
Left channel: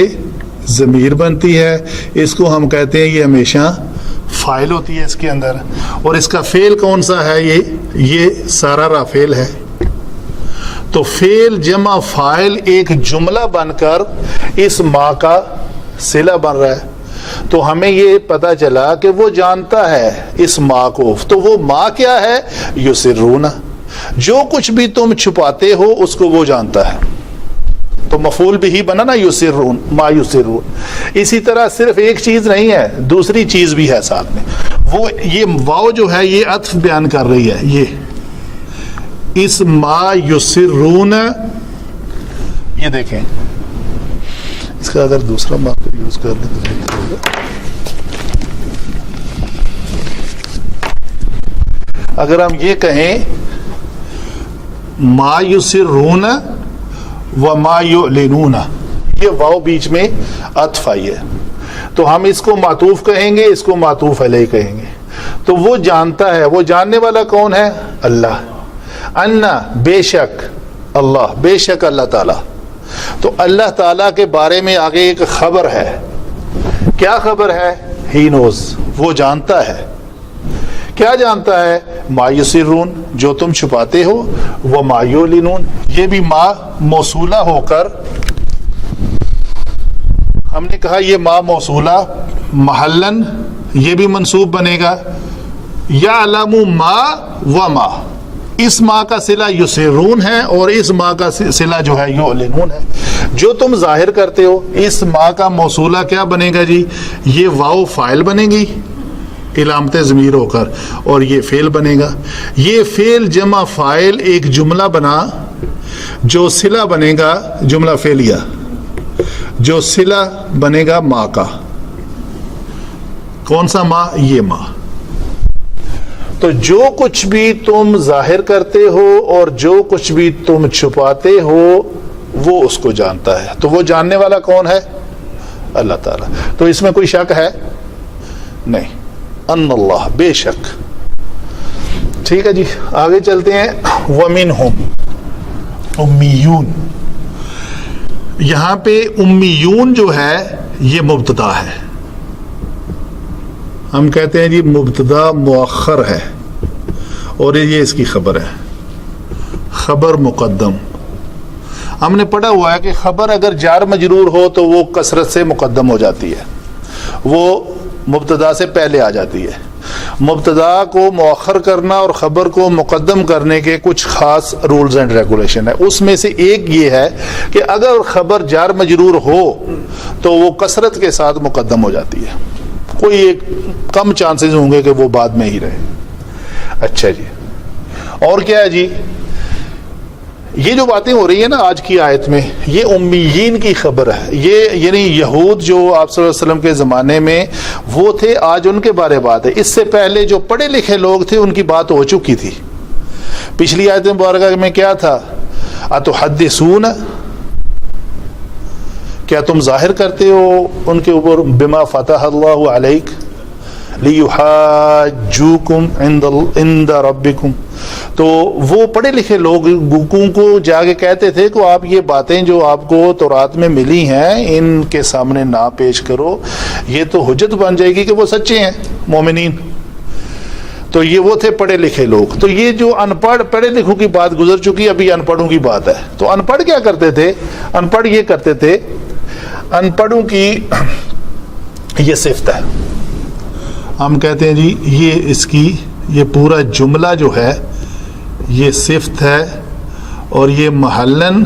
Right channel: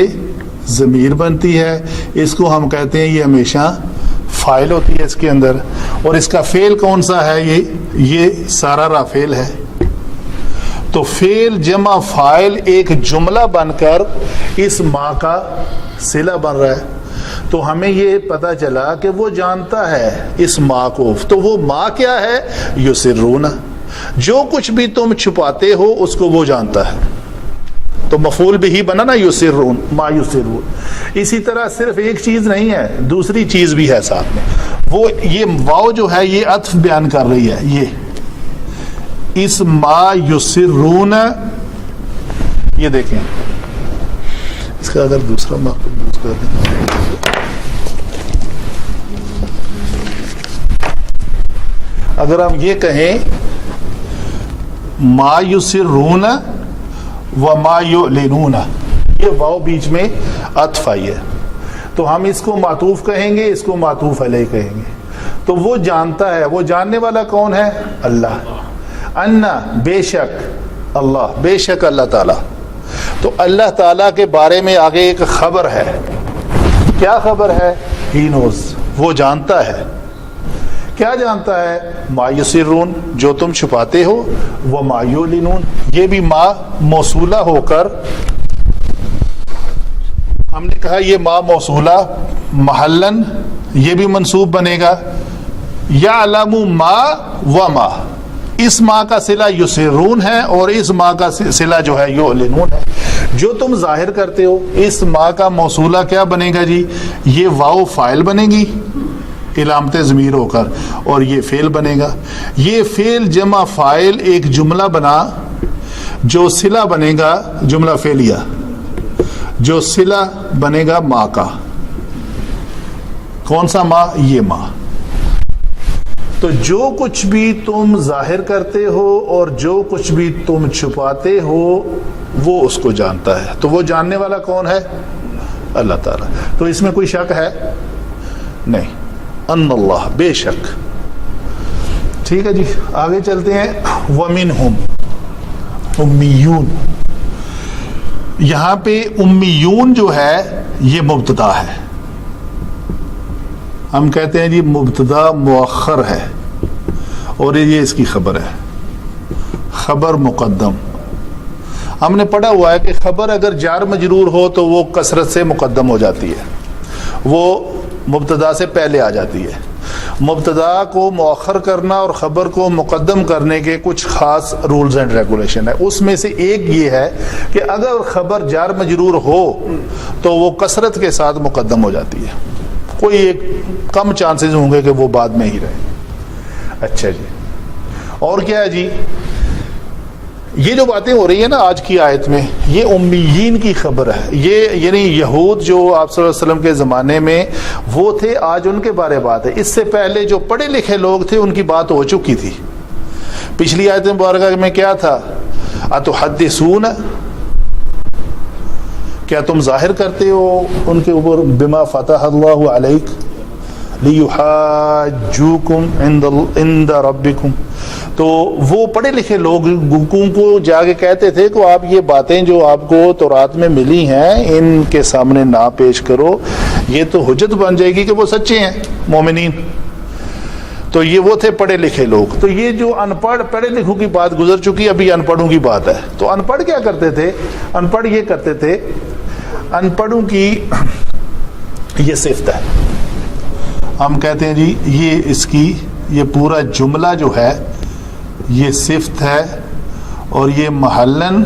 ضمیر بنتی ہے. اس کو ہم کہتے ہیں یہ ہمیشہ فاعل ہوتی ہے اس کے اندر. اور اس کا فعل کون سا ہے؟ یہ سارا را فعل ہے. تو فعل جمع فاعل ایک جملہ بن کر اس ماں کا صلہ بن رہا ہے. تو ہمیں یہ پتہ چلا کہ وہ جانتا ہے اس ماں کو. تو وہ ماں کیا ہے؟ یسرون, جو کچھ بھی تم چھپاتے ہو اس کو وہ جانتا ہے. تو مفعول بھی بنا نا یسرون, ما یسرون. اسی طرح صرف ایک چیز نہیں ہے, دوسری چیز بھی ہے ساتھ میں. وہ یہ واو جو ہے یہ عطف بیان کر رہی ہے. یہ اس ما یسرون, یہ دیکھیں اس کا اگر دوسرا ماقب یوز کر لیں تو اگر ہم یہ کہیں ما یسرون و ما یعلنون, یہ واو بیچ میں عطف آئی ہے. تو ہم اس کو معطوف کہیں گے, اس کو معطوف علیہ کہیں گے. تو وہ جانتا ہے, وہ جاننے والا کون ہے؟ اللہ. انا بے شک, اللہ بے شک اللہ تعالی. تو اللہ تعالیٰ کے بارے میں آگے ایک خبر ہے. کیا خبر ہے؟ ہی نوز, وہ جانتا ہے. کیا جانتا ہے؟ ما یسرون, جو تم چھپاتے ہو, وہ ما یعلنون, یہ بھی ما موصولہ ہو کر ہم نے کہا یہ ما موصولہ محلن یہ بھی منصوب بنے گا. یعلم ما و ما, اس ماں کا صلہ یسرون ہے اور اس ماں کا صلہ جو ہے یعلنون ہے. جو تم ظاہر کرتے ہو اس ماں کا موصولہ کیا بنے گا جی؟ یہ واو فاعل بنے گی علامت ضمیر ہو کر، اور یہ فعل بنے گا. یہ فعل جمع فاعل ایک جملہ بنا جو صلہ بنے گا، جملہ فعلیہ جو صلہ بنے گا ماں کا. کون سا ماں؟ یہ ماں. تو جو کچھ بھی تم ظاہر کرتے ہو اور جو کچھ بھی تم چھپاتے ہو وہ اس کو جانتا ہے. تو وہ جاننے والا کون ہے؟ اللہ تعالیٰ. تو اس میں کوئی شک ہے نہیں. ان اللہ، بے شک. ٹھیک ہے جی، آگے چلتے ہیں. وَمِنْهُمْ امیون. یہاں پہ امیون جو ہے یہ مبتدا ہے. ہم کہتے ہیں جی مبتدا مؤخر ہے اور یہ اس کی خبر ہے، خبر مقدم. ہم نے پڑھا ہوا ہے کہ خبر اگر جار مجرور ہو تو وہ کثرت سے مقدم ہو جاتی ہے، وہ مبتدا سے پہلے آ جاتی ہے. مبتدا کو مؤخر کرنا اور خبر کو مقدم کرنے کے کچھ خاص رولز اینڈ ریگولیشن ہے. اس میں سے ایک یہ ہے کہ اگر خبر جار مجرور ہو تو وہ کثرت کے ساتھ مقدم ہو جاتی ہے. کوئی ایک کم چانسز ہوں گے کہ وہ بعد میں ہی رہے. اچھا جی، اور کیا ہے جی؟ یہ جو باتیں ہو رہی ہیں نا آج کی آیت میں، یہ امیین کی خبر ہے. یہ یعنی یہود جو آپ صلی اللہ علیہ وسلم کے زمانے میں وہ تھے، آج ان کے بارے بات ہے. اس سے پہلے جو پڑھے لکھے لوگ تھے ان کی بات ہو چکی تھی. پچھلی آیت مبارکہ میں کیا تھا؟ اتحدثون، کیا تم ظاہر کرتے ہو ان کے اوپر بما فتح اللہ علیک لیحاجوکم عند ربکم. تو وہ پڑھے لکھے لوگوں کو جا کے کہتے تھے کہ آپ یہ باتیں جو آپ کو تورات میں ملی ہیں ان کے سامنے نہ پیش کرو، یہ تو حجت بن جائے گی کہ وہ سچے ہیں مومنین. تو یہ وہ تھے پڑھے لکھے لوگ. تو یہ جو ان پڑھ پڑھے لکھوں کی بات گزر چکی، ابھی ان پڑھوں کی بات ہے. تو ان پڑھ کیا کرتے تھے؟ ان پڑھ یہ کرتے تھے، ان پڑھوں کی یہ صفت ہے. ہم کہتے ہیں جی یہ اس کی یہ پورا جملہ جو ہے یہ صفت ہے اور یہ محلن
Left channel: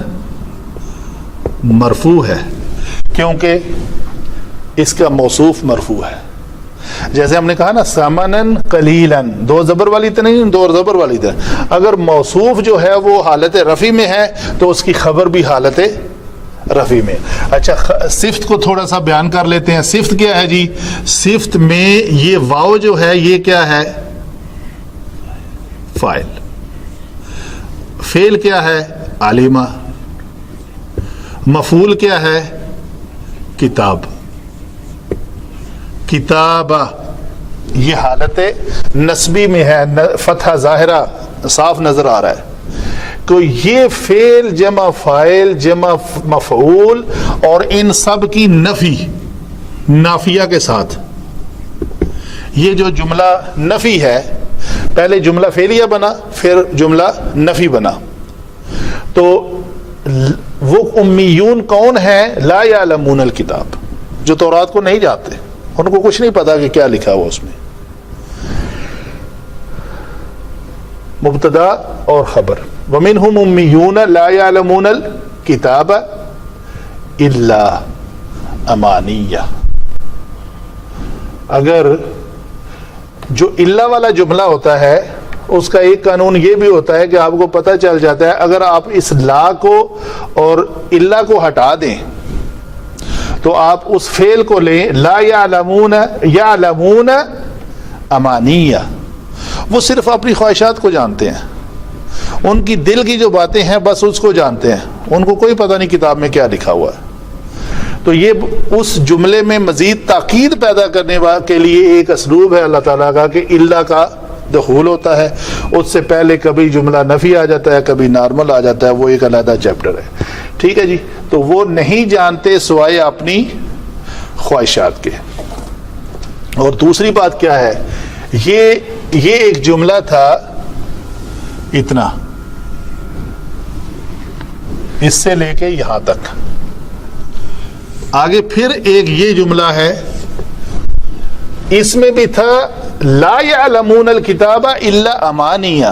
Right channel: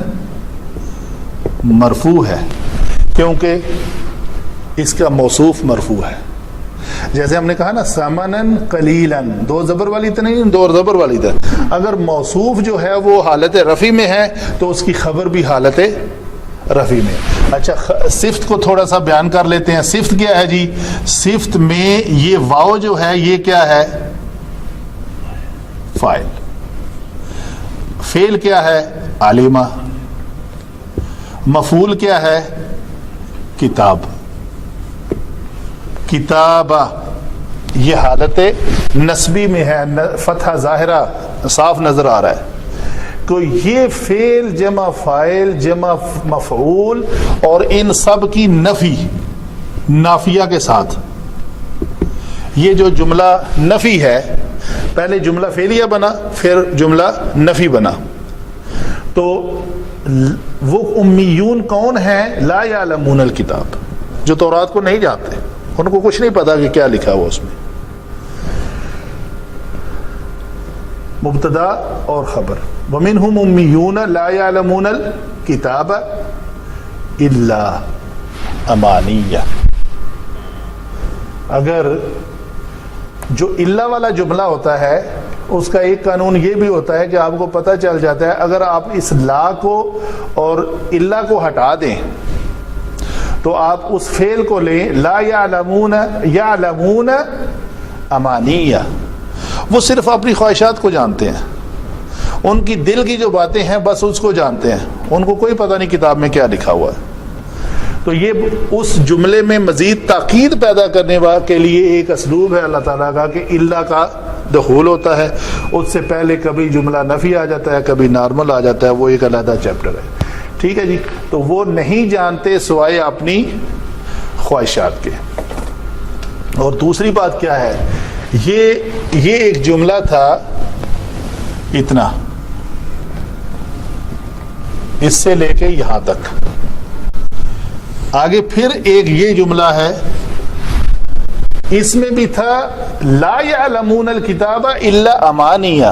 مرفوع ہے کیونکہ اس کا موصوف مرفوع ہے. جیسے ہم نے کہا نا سمنن قلیلاً، دو زبر والی تو نہیں، دو زبر والی تھا. اگر موصوف جو ہے وہ حالت رفع میں ہے تو اس کی خبر بھی حالت رفع میں. اچھا، صفت کو تھوڑا سا بیان کر لیتے ہیں. صفت کیا ہے جی؟ صفت میں یہ واو جو ہے یہ کیا ہے؟ فاعل. فعل کیا ہے؟ عالمہ. مفعول کیا ہے؟ کتاب. کتابہ یہ حالت نسبی میں ہے، فتحہ ظاہرہ صاف نظر آ رہا ہے. تو یہ فعل جمع فاعل جمع مفعول اور ان سب کی نفی نافیہ کے ساتھ، یہ جو جملہ نفی ہے، پہلے جملہ فعلیہ بنا پھر جملہ نفی بنا. تو وہ امیون کون ہیں؟ لا یعلمون الکتاب، جو تورات کو نہیں جانتے، ان کو کچھ نہیں پتا کہ کیا لکھا ہوا اس میں. مبتدا اور خبر. وَمِنْهُمْ أُمِّيُّونَ لَا يَعْلَمُونَ الْكِتَابَ إِلَّا أَمَانِيَّ. اگر جو الا والا جملہ ہوتا ہے اس کا ایک قانون یہ بھی ہوتا ہے کہ آپ کو پتہ چل جاتا ہے اگر آپ اس لا کو اور الا کو ہٹا دیں تو آپ اس فعل کو لیں، لا یعلمون یعلمون امانیہ، وہ صرف اپنی خواہشات کو جانتے ہیں، ان کی دل کی جو باتیں ہیں بس اس کو جانتے ہیں، ان کو کوئی پتہ نہیں کتاب میں کیا لکھا ہوا ہے. تو یہ اس جملے میں مزید تاکید پیدا کرنے کے لیے ایک اسلوب ہے اللہ تعالیٰ کا کہ اللہ کا دخول ہوتا ہے. اس سے پہلے کبھی جملہ نفی آ جاتا ہے، کبھی نارمل آ جاتا ہے، وہ ایک علیحدہ چیپٹر ہے. ٹھیک ہے جی. تو وہ نہیں جانتے سوائے اپنی خواہشات کے. اور دوسری بات کیا ہے، یہ ایک جملہ تھا اتنا، اس سے لے کے یہاں تک. آگے پھر ایک یہ جملہ ہے، اس میں بھی تھا لا یعلمون الکتاب الا امانیہ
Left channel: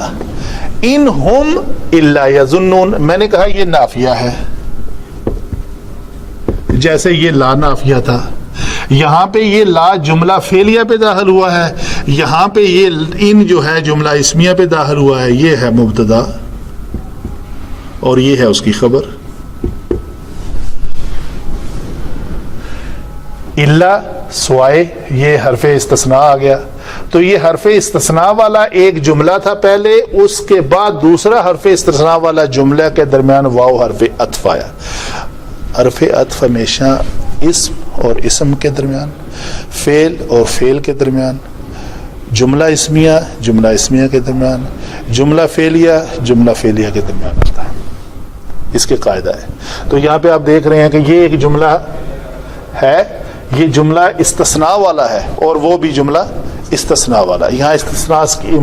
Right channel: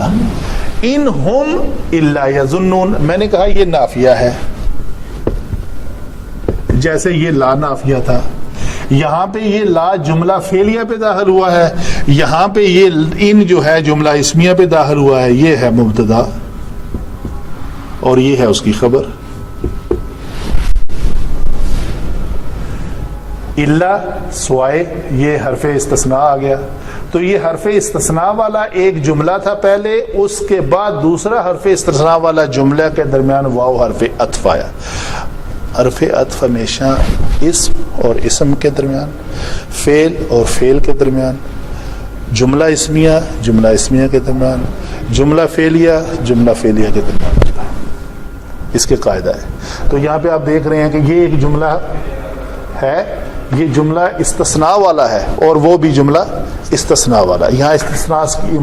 ان ہم الا یظنون. میں نے کہا یہ نافیہ ہے، جیسے یہ لا نافیہ تھا، یہاں پہ یہ لا جملہ فعلیہ پہ داخل ہوا ہے، یہاں پہ یہ ان جو ہے جملہ اسمیہ پہ داخل ہوا ہے، یہ ہے مبتدا اور یہ ہے اس کی خبر. الا سوائے یہ حرف استثناء آ گیا، تو یہ حرف استثناء والا ایک جملہ تھا پہلے، اس کے بعد دوسرا حرف استثناء والا جملہ کے درمیان واو حرف عطف آیا. حرف عطف ہمیشہ اسم اور اسم کے درمیان، فعل اور فعل کے درمیان، جملہ اسمیہ کے درمیان، جملہ فعلیہ کے درمیان ہوتا ہے. اس کے قاعدہ ہے. تو یہاں پہ آپ دیکھ رہے ہیں کہ یہ ایک جملہ ہے، یہ جملہ استثناء والا ہے اور وہ بھی جملہ استثناء والا. یہاں استثناء کی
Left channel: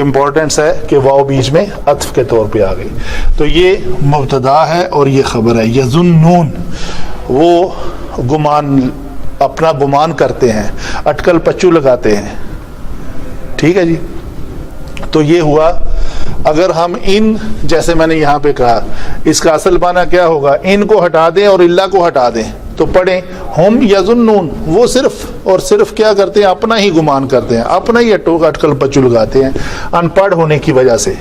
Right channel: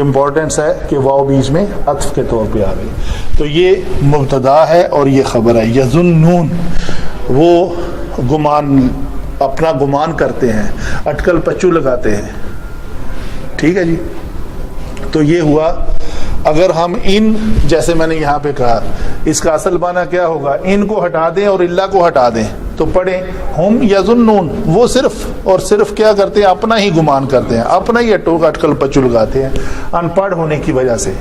امپورٹنس ہے کہ واو بیچ میں عطف کے طور پہ آ گئی. تو یہ مبتدا ہے اور یہ خبر ہے. یظنون وہ اپنا گمان کرتے ہیں، اٹکل پچو لگاتے ہیں. ٹھیک ہے جی. تو یہ ہوا. اگر ہم ان جیسے میں نے یہاں پہ کہا، اس کا اصل معنی کیا ہوگا؟ ان کو ہٹا دیں اور اللہ کو ہٹا دیں تو پڑھیں ہم یظنون، وہ صرف اور صرف کیا کرتے ہیں؟ اپنا ہی گمان کرتے ہیں، اپنا ہی اٹکل پچو لگاتے ہیں ان پڑھ ہونے کی وجہ سے.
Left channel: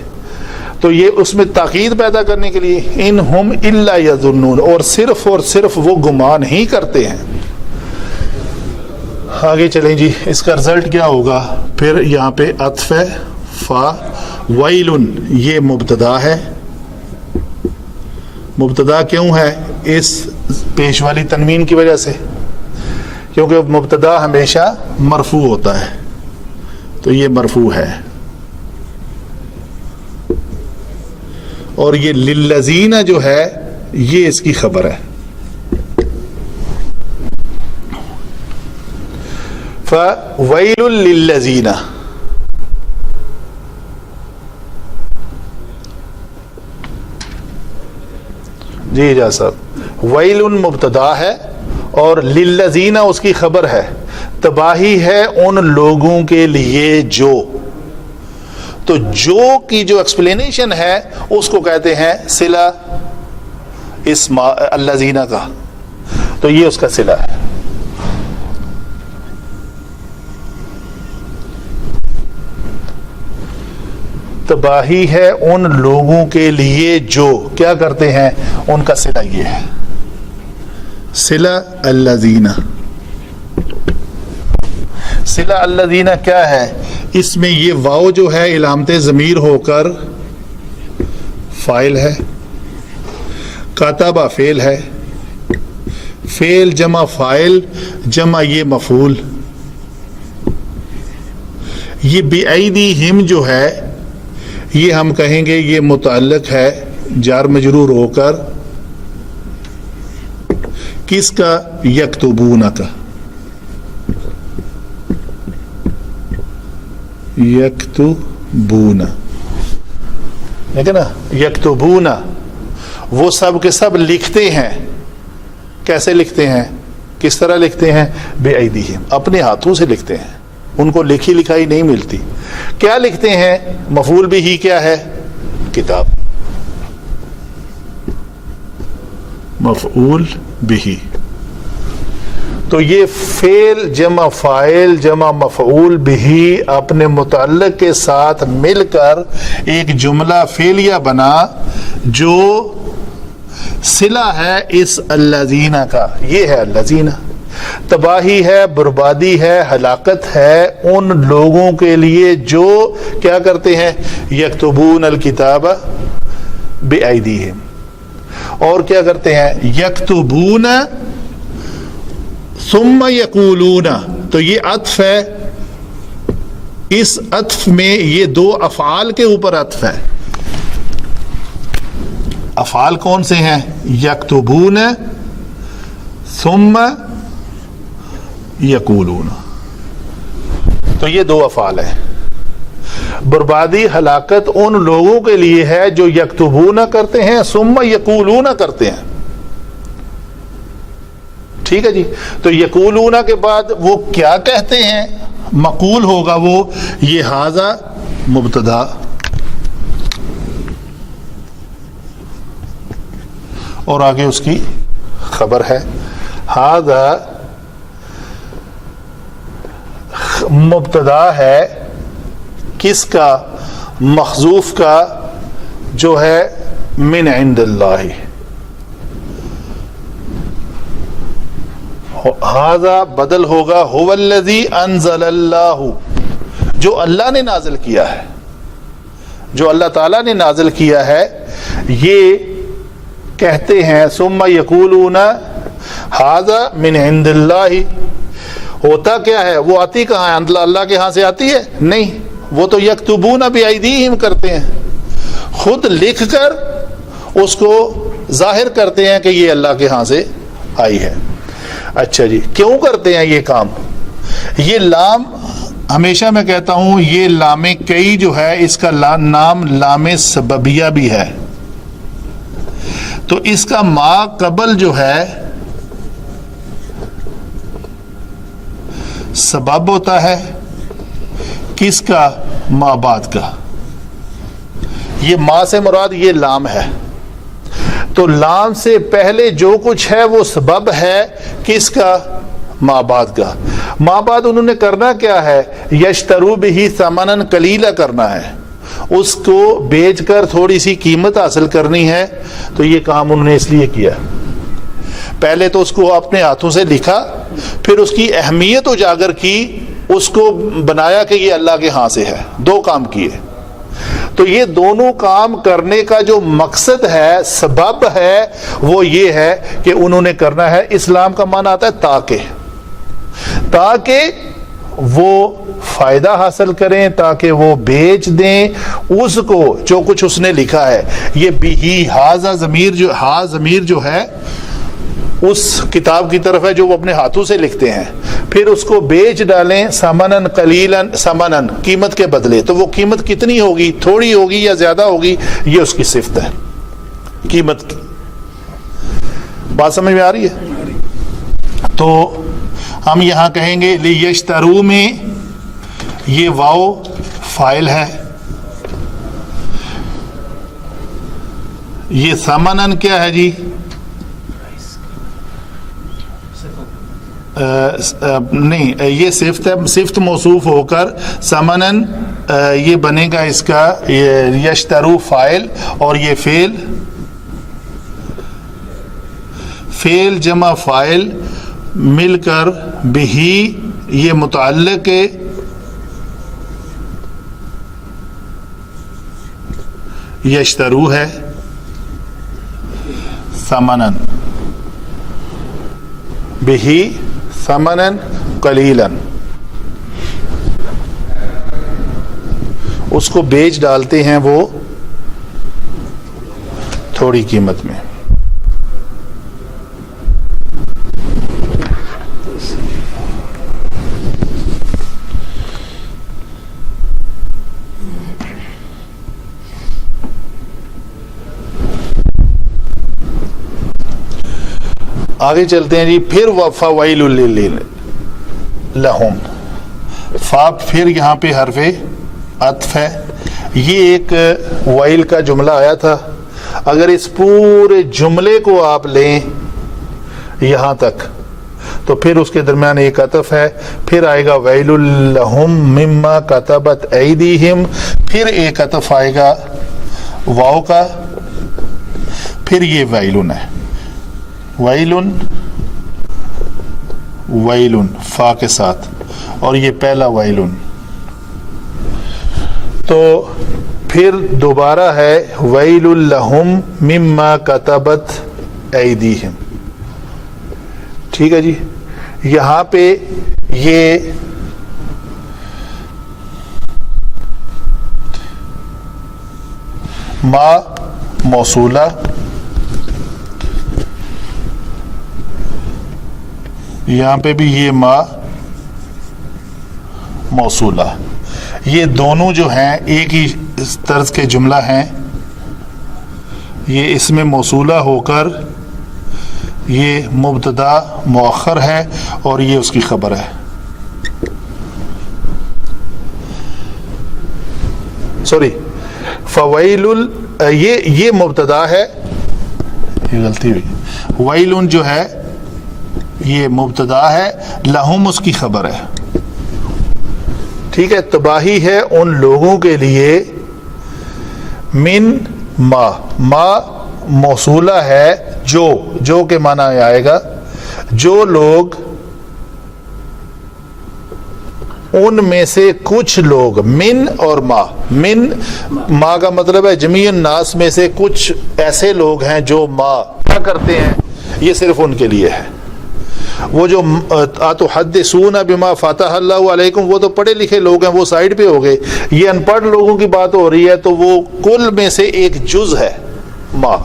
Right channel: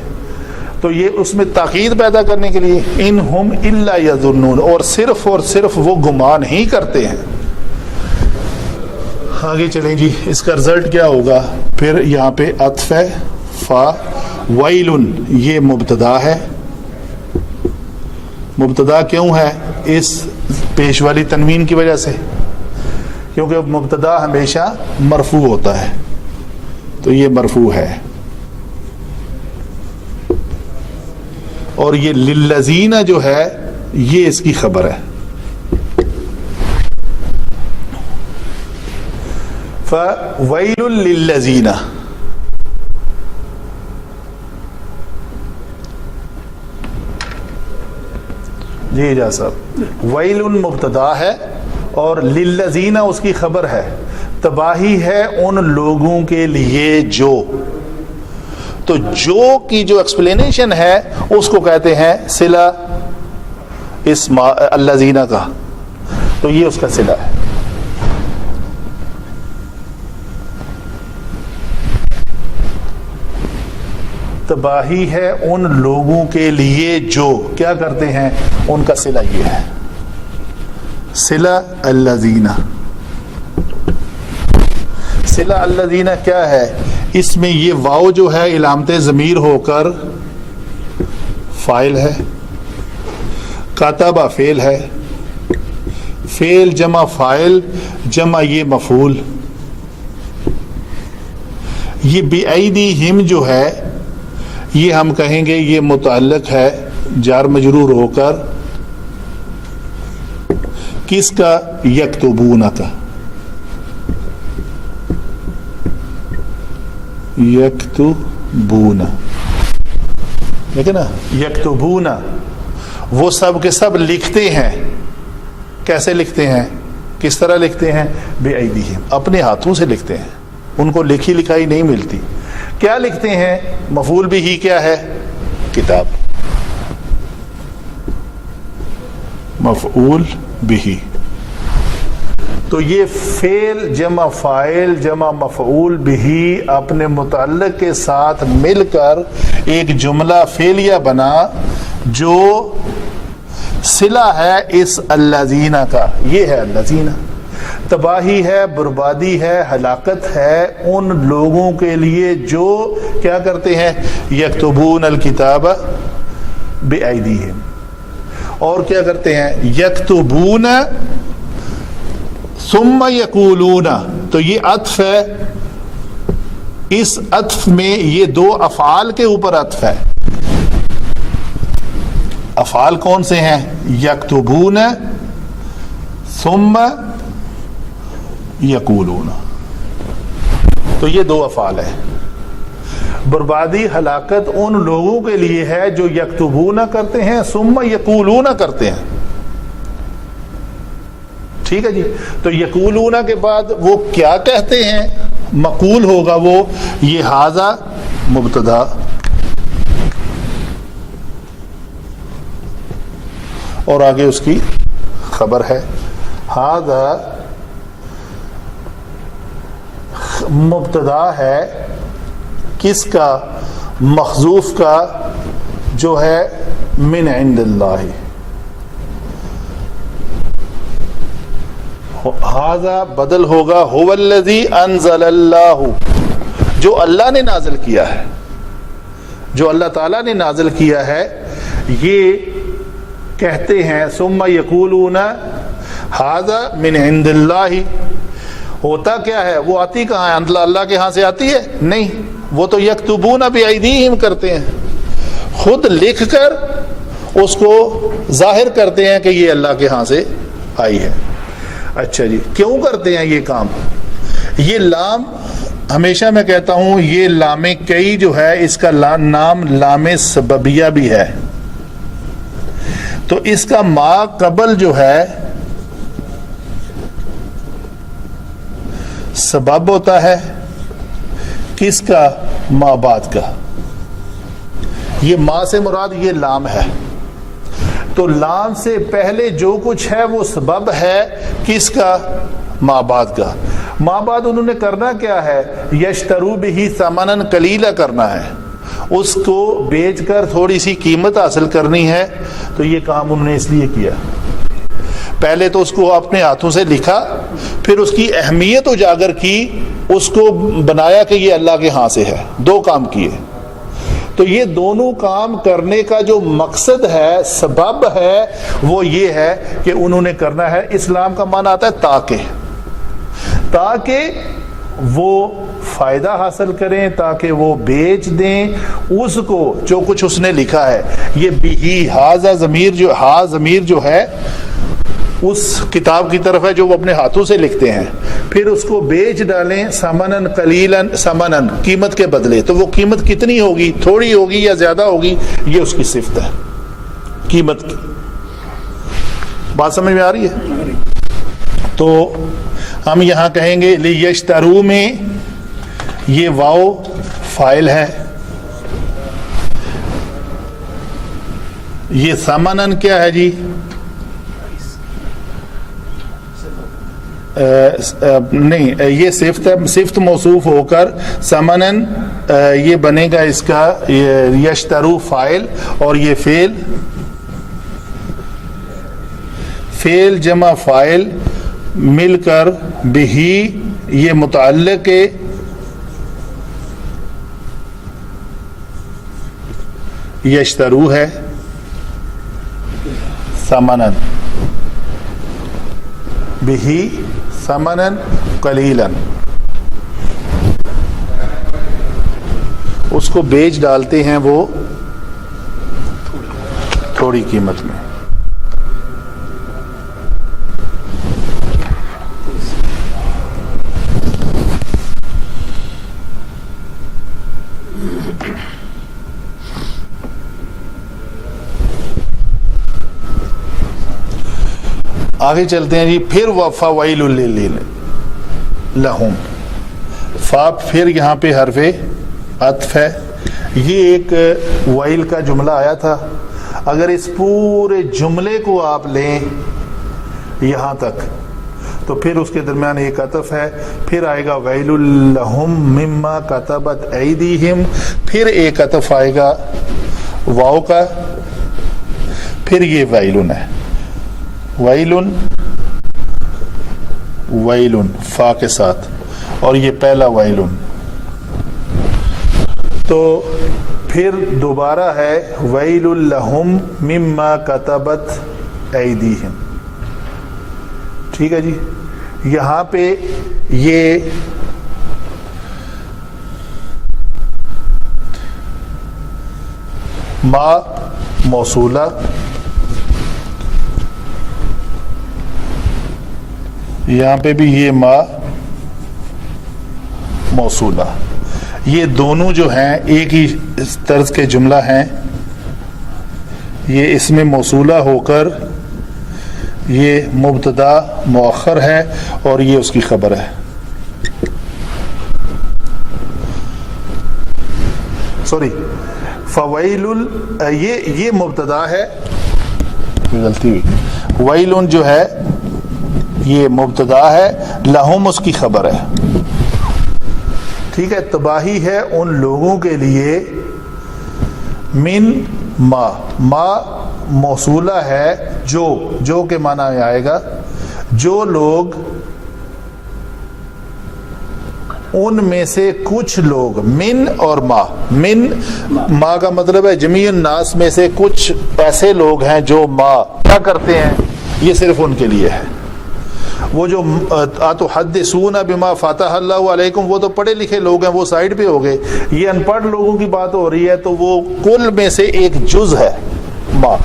تو یہ اس میں تاکید پیدا کرنے کے لیے ان ہم الا یظنون، اور صرف وہ گمان ہی کرتے ہیں. آگے چلیں جی. اس کا رزلٹ کیا ہوگا؟ پھر یہاں پہ عطف ہے فا ویلن، یہ مبتدا ہے. مبتدا کیوں ہے؟ اس پیش والی تنوین کی وجہ سے، کیونکہ مبتدا ہمیشہ مرفوع ہوتا ہے، تو یہ مرفوع ہے. اور یہ للذین جو ہے یہ اس کی خبر ہے. فویل للذین، جی جا صاحب، ویل مبتدا ہے اور للذین اس کی خبر ہے. تباہی ہے ان لوگوں کے لیے جو، تو جو کی جو ایکسپلینیشن ہے اس کو کہتے ہیں صلہ اسم الذین کا، تو یہ اس کا صلہ ہے. تباہی ہے ان لوگوں کے لیے جو کیا کرتے ہیں، ان کا صلہ یہ ہے صلہ الذین. صلہ الذین کیا ہے؟ اس میں یہ واو جو ہے علامت ضمیر ہو کر فاعل ہے، کاتبہ فعل ہے، فعل جمع فاعل جمع یہ مفعول. یہ بِأَيْدِيهِمْ جو ہے یہ ہم کہیں گے یہ متعلق ہے جار مجرور ہو کر کس کا؟ یکتبون کا. یکتبون، ٹھیک ہے نا. یکتبون وہ سب کے سب لکھتے ہیں. کیسے لکھتے ہیں؟ کس طرح لکھتے ہیں؟ بِأَيْدِيهِمْ، اپنے ہاتھوں سے لکھتے ہیں. ان کو لکھی لکھائی نہیں ملتی. کیا لکھتے ہیں؟ مفعول بھی ہی کیا ہے؟ کتاب. مفعول بھی. تو یہ فعل جمع فاعل جمع مفعول بھی اپنے متعلق کے ساتھ مل کر ایک جملہ فعلیہ بنا جو صلہ ہے اس الذین کا. یہ ہے الذین. تباہی ہے، بربادی ہے، ہلاکت ہے ان لوگوں کے لیے جو کیا کرتے ہیں؟ یکتبون الکتاب بِأَيْدِيهِمْ. اور کیا کرتے ہیں؟ یکتبون ثم یقولون. تو یہ عطف ہے. اس عطف میں یہ دو افعال کے اوپر عطف ہے. افعال کون سے ہیں؟ یکتبون ثم یقولون. تو یہ دو افعال ہیں. بربادی ہلاکت ان لوگوں کے لیے ہے جو یکتبون کرتے ہیں ثم یقولون کرتے ہیں. ٹھیک ہے جی. تو یقولون کے بعد وہ کیا کہتے ہیں؟ مقول ہوگا وہ یہ ھذا مبتدا اور آگے اس کی خبر ہے. ھذا مبتدا ہے کس کا؟ محذوف کا جو ہے من عند اللہ. ھذا بدل ہوگا هو الذی انزل اللہ، جو اللہ نے نازل کیا ہے، جو اللہ تعالیٰ نے نازل کیا ہے. یہ کہتے ہیں ثم یقولون ھذا من عند اللہ. ہوتا کیا ہے؟ وہ آتی کہاں ہے؟ اللہ کے ہاں سے آتی ہے؟ نہیں، وہ تو یکتبون بایدیہم کرتے ہیں، خود لکھ کر اس کو ظاہر کرتے ہیں کہ یہ اللہ کے ہاں سے آئی ہے. اچھا جی، کیوں کرتے ہیں یہ کام؟ یہ لام، ہمیشہ میں کہتا ہوں یہ لام کئی جو ہے اس کا نام لام سببیہ بھی ہے. تو اس کا ما قبل جو ہے سبب ہوتا ہے، کس کا؟ ما بعد کا. یہ ما سے مراد یہ لام ہے. تو لام سے پہلے جو کچھ ہے وہ سبب ہے کس کا؟ ما بعد کا. ما بعد انہوں نے کرنا کیا ہے؟ یشترو بہ ثمنا قلیلا کرنا ہے، اس کو بیچ کر تھوڑی سی قیمت حاصل کرنی ہے. تو یہ کام انہوں نے اس لیے کیا، پہلے تو اس کو اپنے ہاتھوں سے لکھا، پھر اس کی اہمیت اجاگر کی، اس کو بنایا کہ یہ اللہ کے ہاں سے ہے. دو کام کیے. تو یہ دونوں کام کرنے کا جو مقصد ہے، سبب ہے، وہ یہ ہے کہ انہوں نے کرنا ہے. اسلام کا معنی آتا ہے تاکہ وہ فائدہ حاصل کریں، تاکہ وہ بیچ دیں اس کو جو کچھ اس نے لکھا ہے. یہ بھی ھذا ضمیر جو ہے اس کتاب کی طرف ہے جو وہ اپنے ہاتھوں سے لکھتے ہیں، پھر اس کو بیچ ڈالیں ثمنن قلیلا، ثمنن قیمت کے بدلے. تو وہ قیمت کتنی ہوگی؟ تھوڑی ہوگی یا زیادہ ہوگی؟ یہ اس کی صفت ہے قیمت کی. بات سمجھ میں آ رہی ہے؟ تو ہم یہاں کہیں گے لیشترو میں یہ واو فاعل ہے، یہ ثمنن کیا ہے جی؟ نہیں، یہ صفت ہے، صفت موصوف ہو کر ثمنن یہ بنے گا اس کا یشترو فاعل، اور یہ فعل جمع فاعل مل کر بہی یہ متعلق یشترو ہے. ثمنن بہی ثمنن قلیلا، اس کو بیچ ڈالتے ہیں وہ تھوڑی قیمت میں. آگے چلتے ہیں جی. پھر فویل لہم، فا پھر یہاں پہ حرف عطف ہے. یہ ایک ویل کا جملہ آیا تھا، اگر اس پورے جملے کو آپ لیں یہاں تک تو پھر اس کے درمیان ایک عطف ہے، پھر آئے گا ویل لہم مما کتبت ایدیہم، پھر ایک عطف آئے گا واو کا، پھر یہ ویلن ہے. ویلن ویلن فا کے ساتھ، اور یہ پہلا ویلن. تو پھر دوبارہ ہے ویل لہم مما کتبت ایدیہم. ٹھیک ہے جی. یہاں پہ یہ ما موصولہ، یہاں پہ بھی یہ ما موصولہ، یہ دونوں جو ہیں ایک ہی طرز کے جملہ ہیں. یہ اس میں موصولہ ہو کر یہ مبتدا مؤخر ہے اور یہ اس کی خبر ہے. سوری، فویل یہ مبتدا ہے، یہ غلطی ہوئی. ویلن جو ہے یہ مبتدا ہے، لہم اس کی خبر ہے. ٹھیک ہے، تباہی ہے ان لوگوں کے لیے من ما موصولہ ہے جو کے معنی آئے گا جو لوگ، ان میں سے کچھ لوگ، من اور ما کا مطلب ہے جمیع الناس میں سے کچھ ایسے لوگ ہیں جو کیا کرتے ہیں، یہ صرف ان کے لیے ہے۔ وہ جو اتحدثون بما فتح اللہ علیکم، وہ تو پڑھے لکھے لوگ ہیں، وہ سائڈ پہ ہو گئے، یہ ان پڑھ لوگوں کی بات ہو رہی ہے، تو وہ کل میں سے ایک جز ہے ما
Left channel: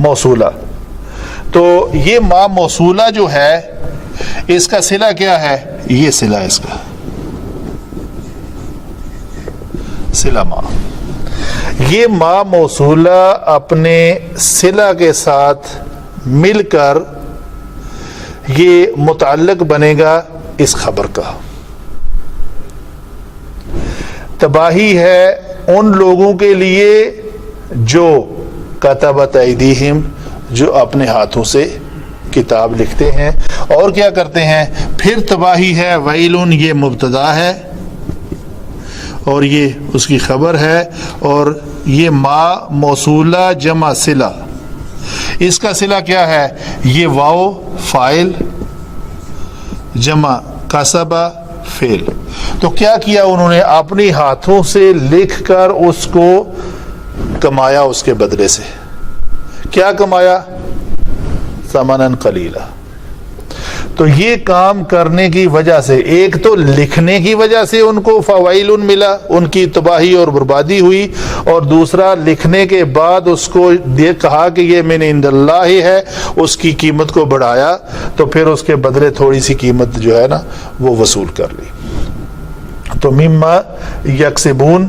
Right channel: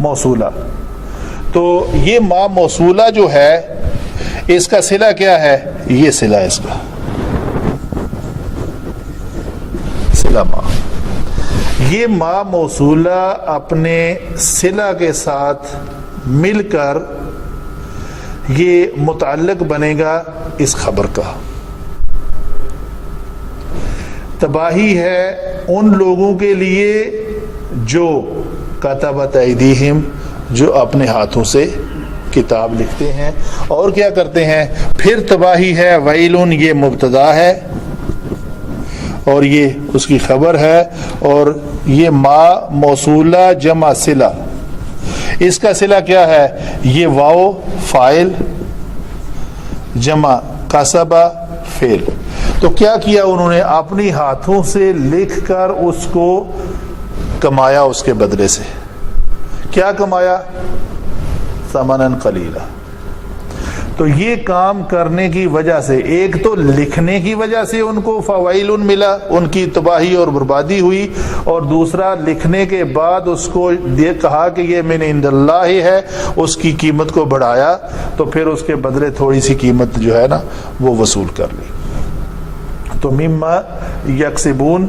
موصولہ۔ تو یہ ما موصولہ جو ہے اس کا صلہ کیا ہے، یہ صلہ اس کا صلہ ما، یہ ما موصولہ اپنے صلہ کے ساتھ مل کر یہ متعلق بنے گا اس خبر کا۔ تباہی ہے ان لوگوں کے لیے جو کتبت ایدیہم، جو اپنے ہاتھوں سے کتاب لکھتے ہیں اور کیا کرتے ہیں۔ پھر تباہی ہے ویلن، یہ مبتدا ہے اور یہ اس کی خبر ہے، اور یہ ما موصولہ جمع صلہ، اس کا صلہ کیا ہے، یہ واو فاعل جمع کسبہ فعل۔ تو کیا کیا انہوں نے، اپنی ہاتھوں سے لکھ کر اس کو کمایا، اس کے بدلے سے کیا کمایا، ثمناً قلیلا۔ تو یہ کام کرنے کی وجہ سے، ایک تو لکھنے کی وجہ سے ان کو فوائل ملا، ان کی تباہی اور بربادی ہوئی، اور دوسرا لکھنے کے بعد اس کو کہا کہ یہ من عند اللہ ہے، اس کی قیمت کو بڑھایا، تو پھر اس کے بدلے تھوڑی سی قیمت جو ہے نا وہ وصول کر لی۔ تو مما یکسبون،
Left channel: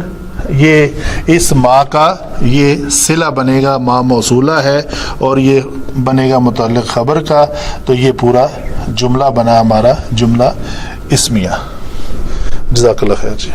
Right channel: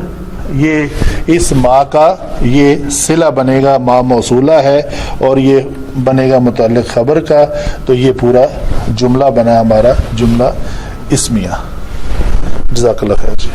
یہ اس ما کا یہ صلہ بنے گا، ما موصولہ ہے اور یہ بنے گا متعلق خبر کا، تو یہ پورا جملہ بنا ہمارا جملہ اسمیہ۔ جزاک اللہ خیر جی۔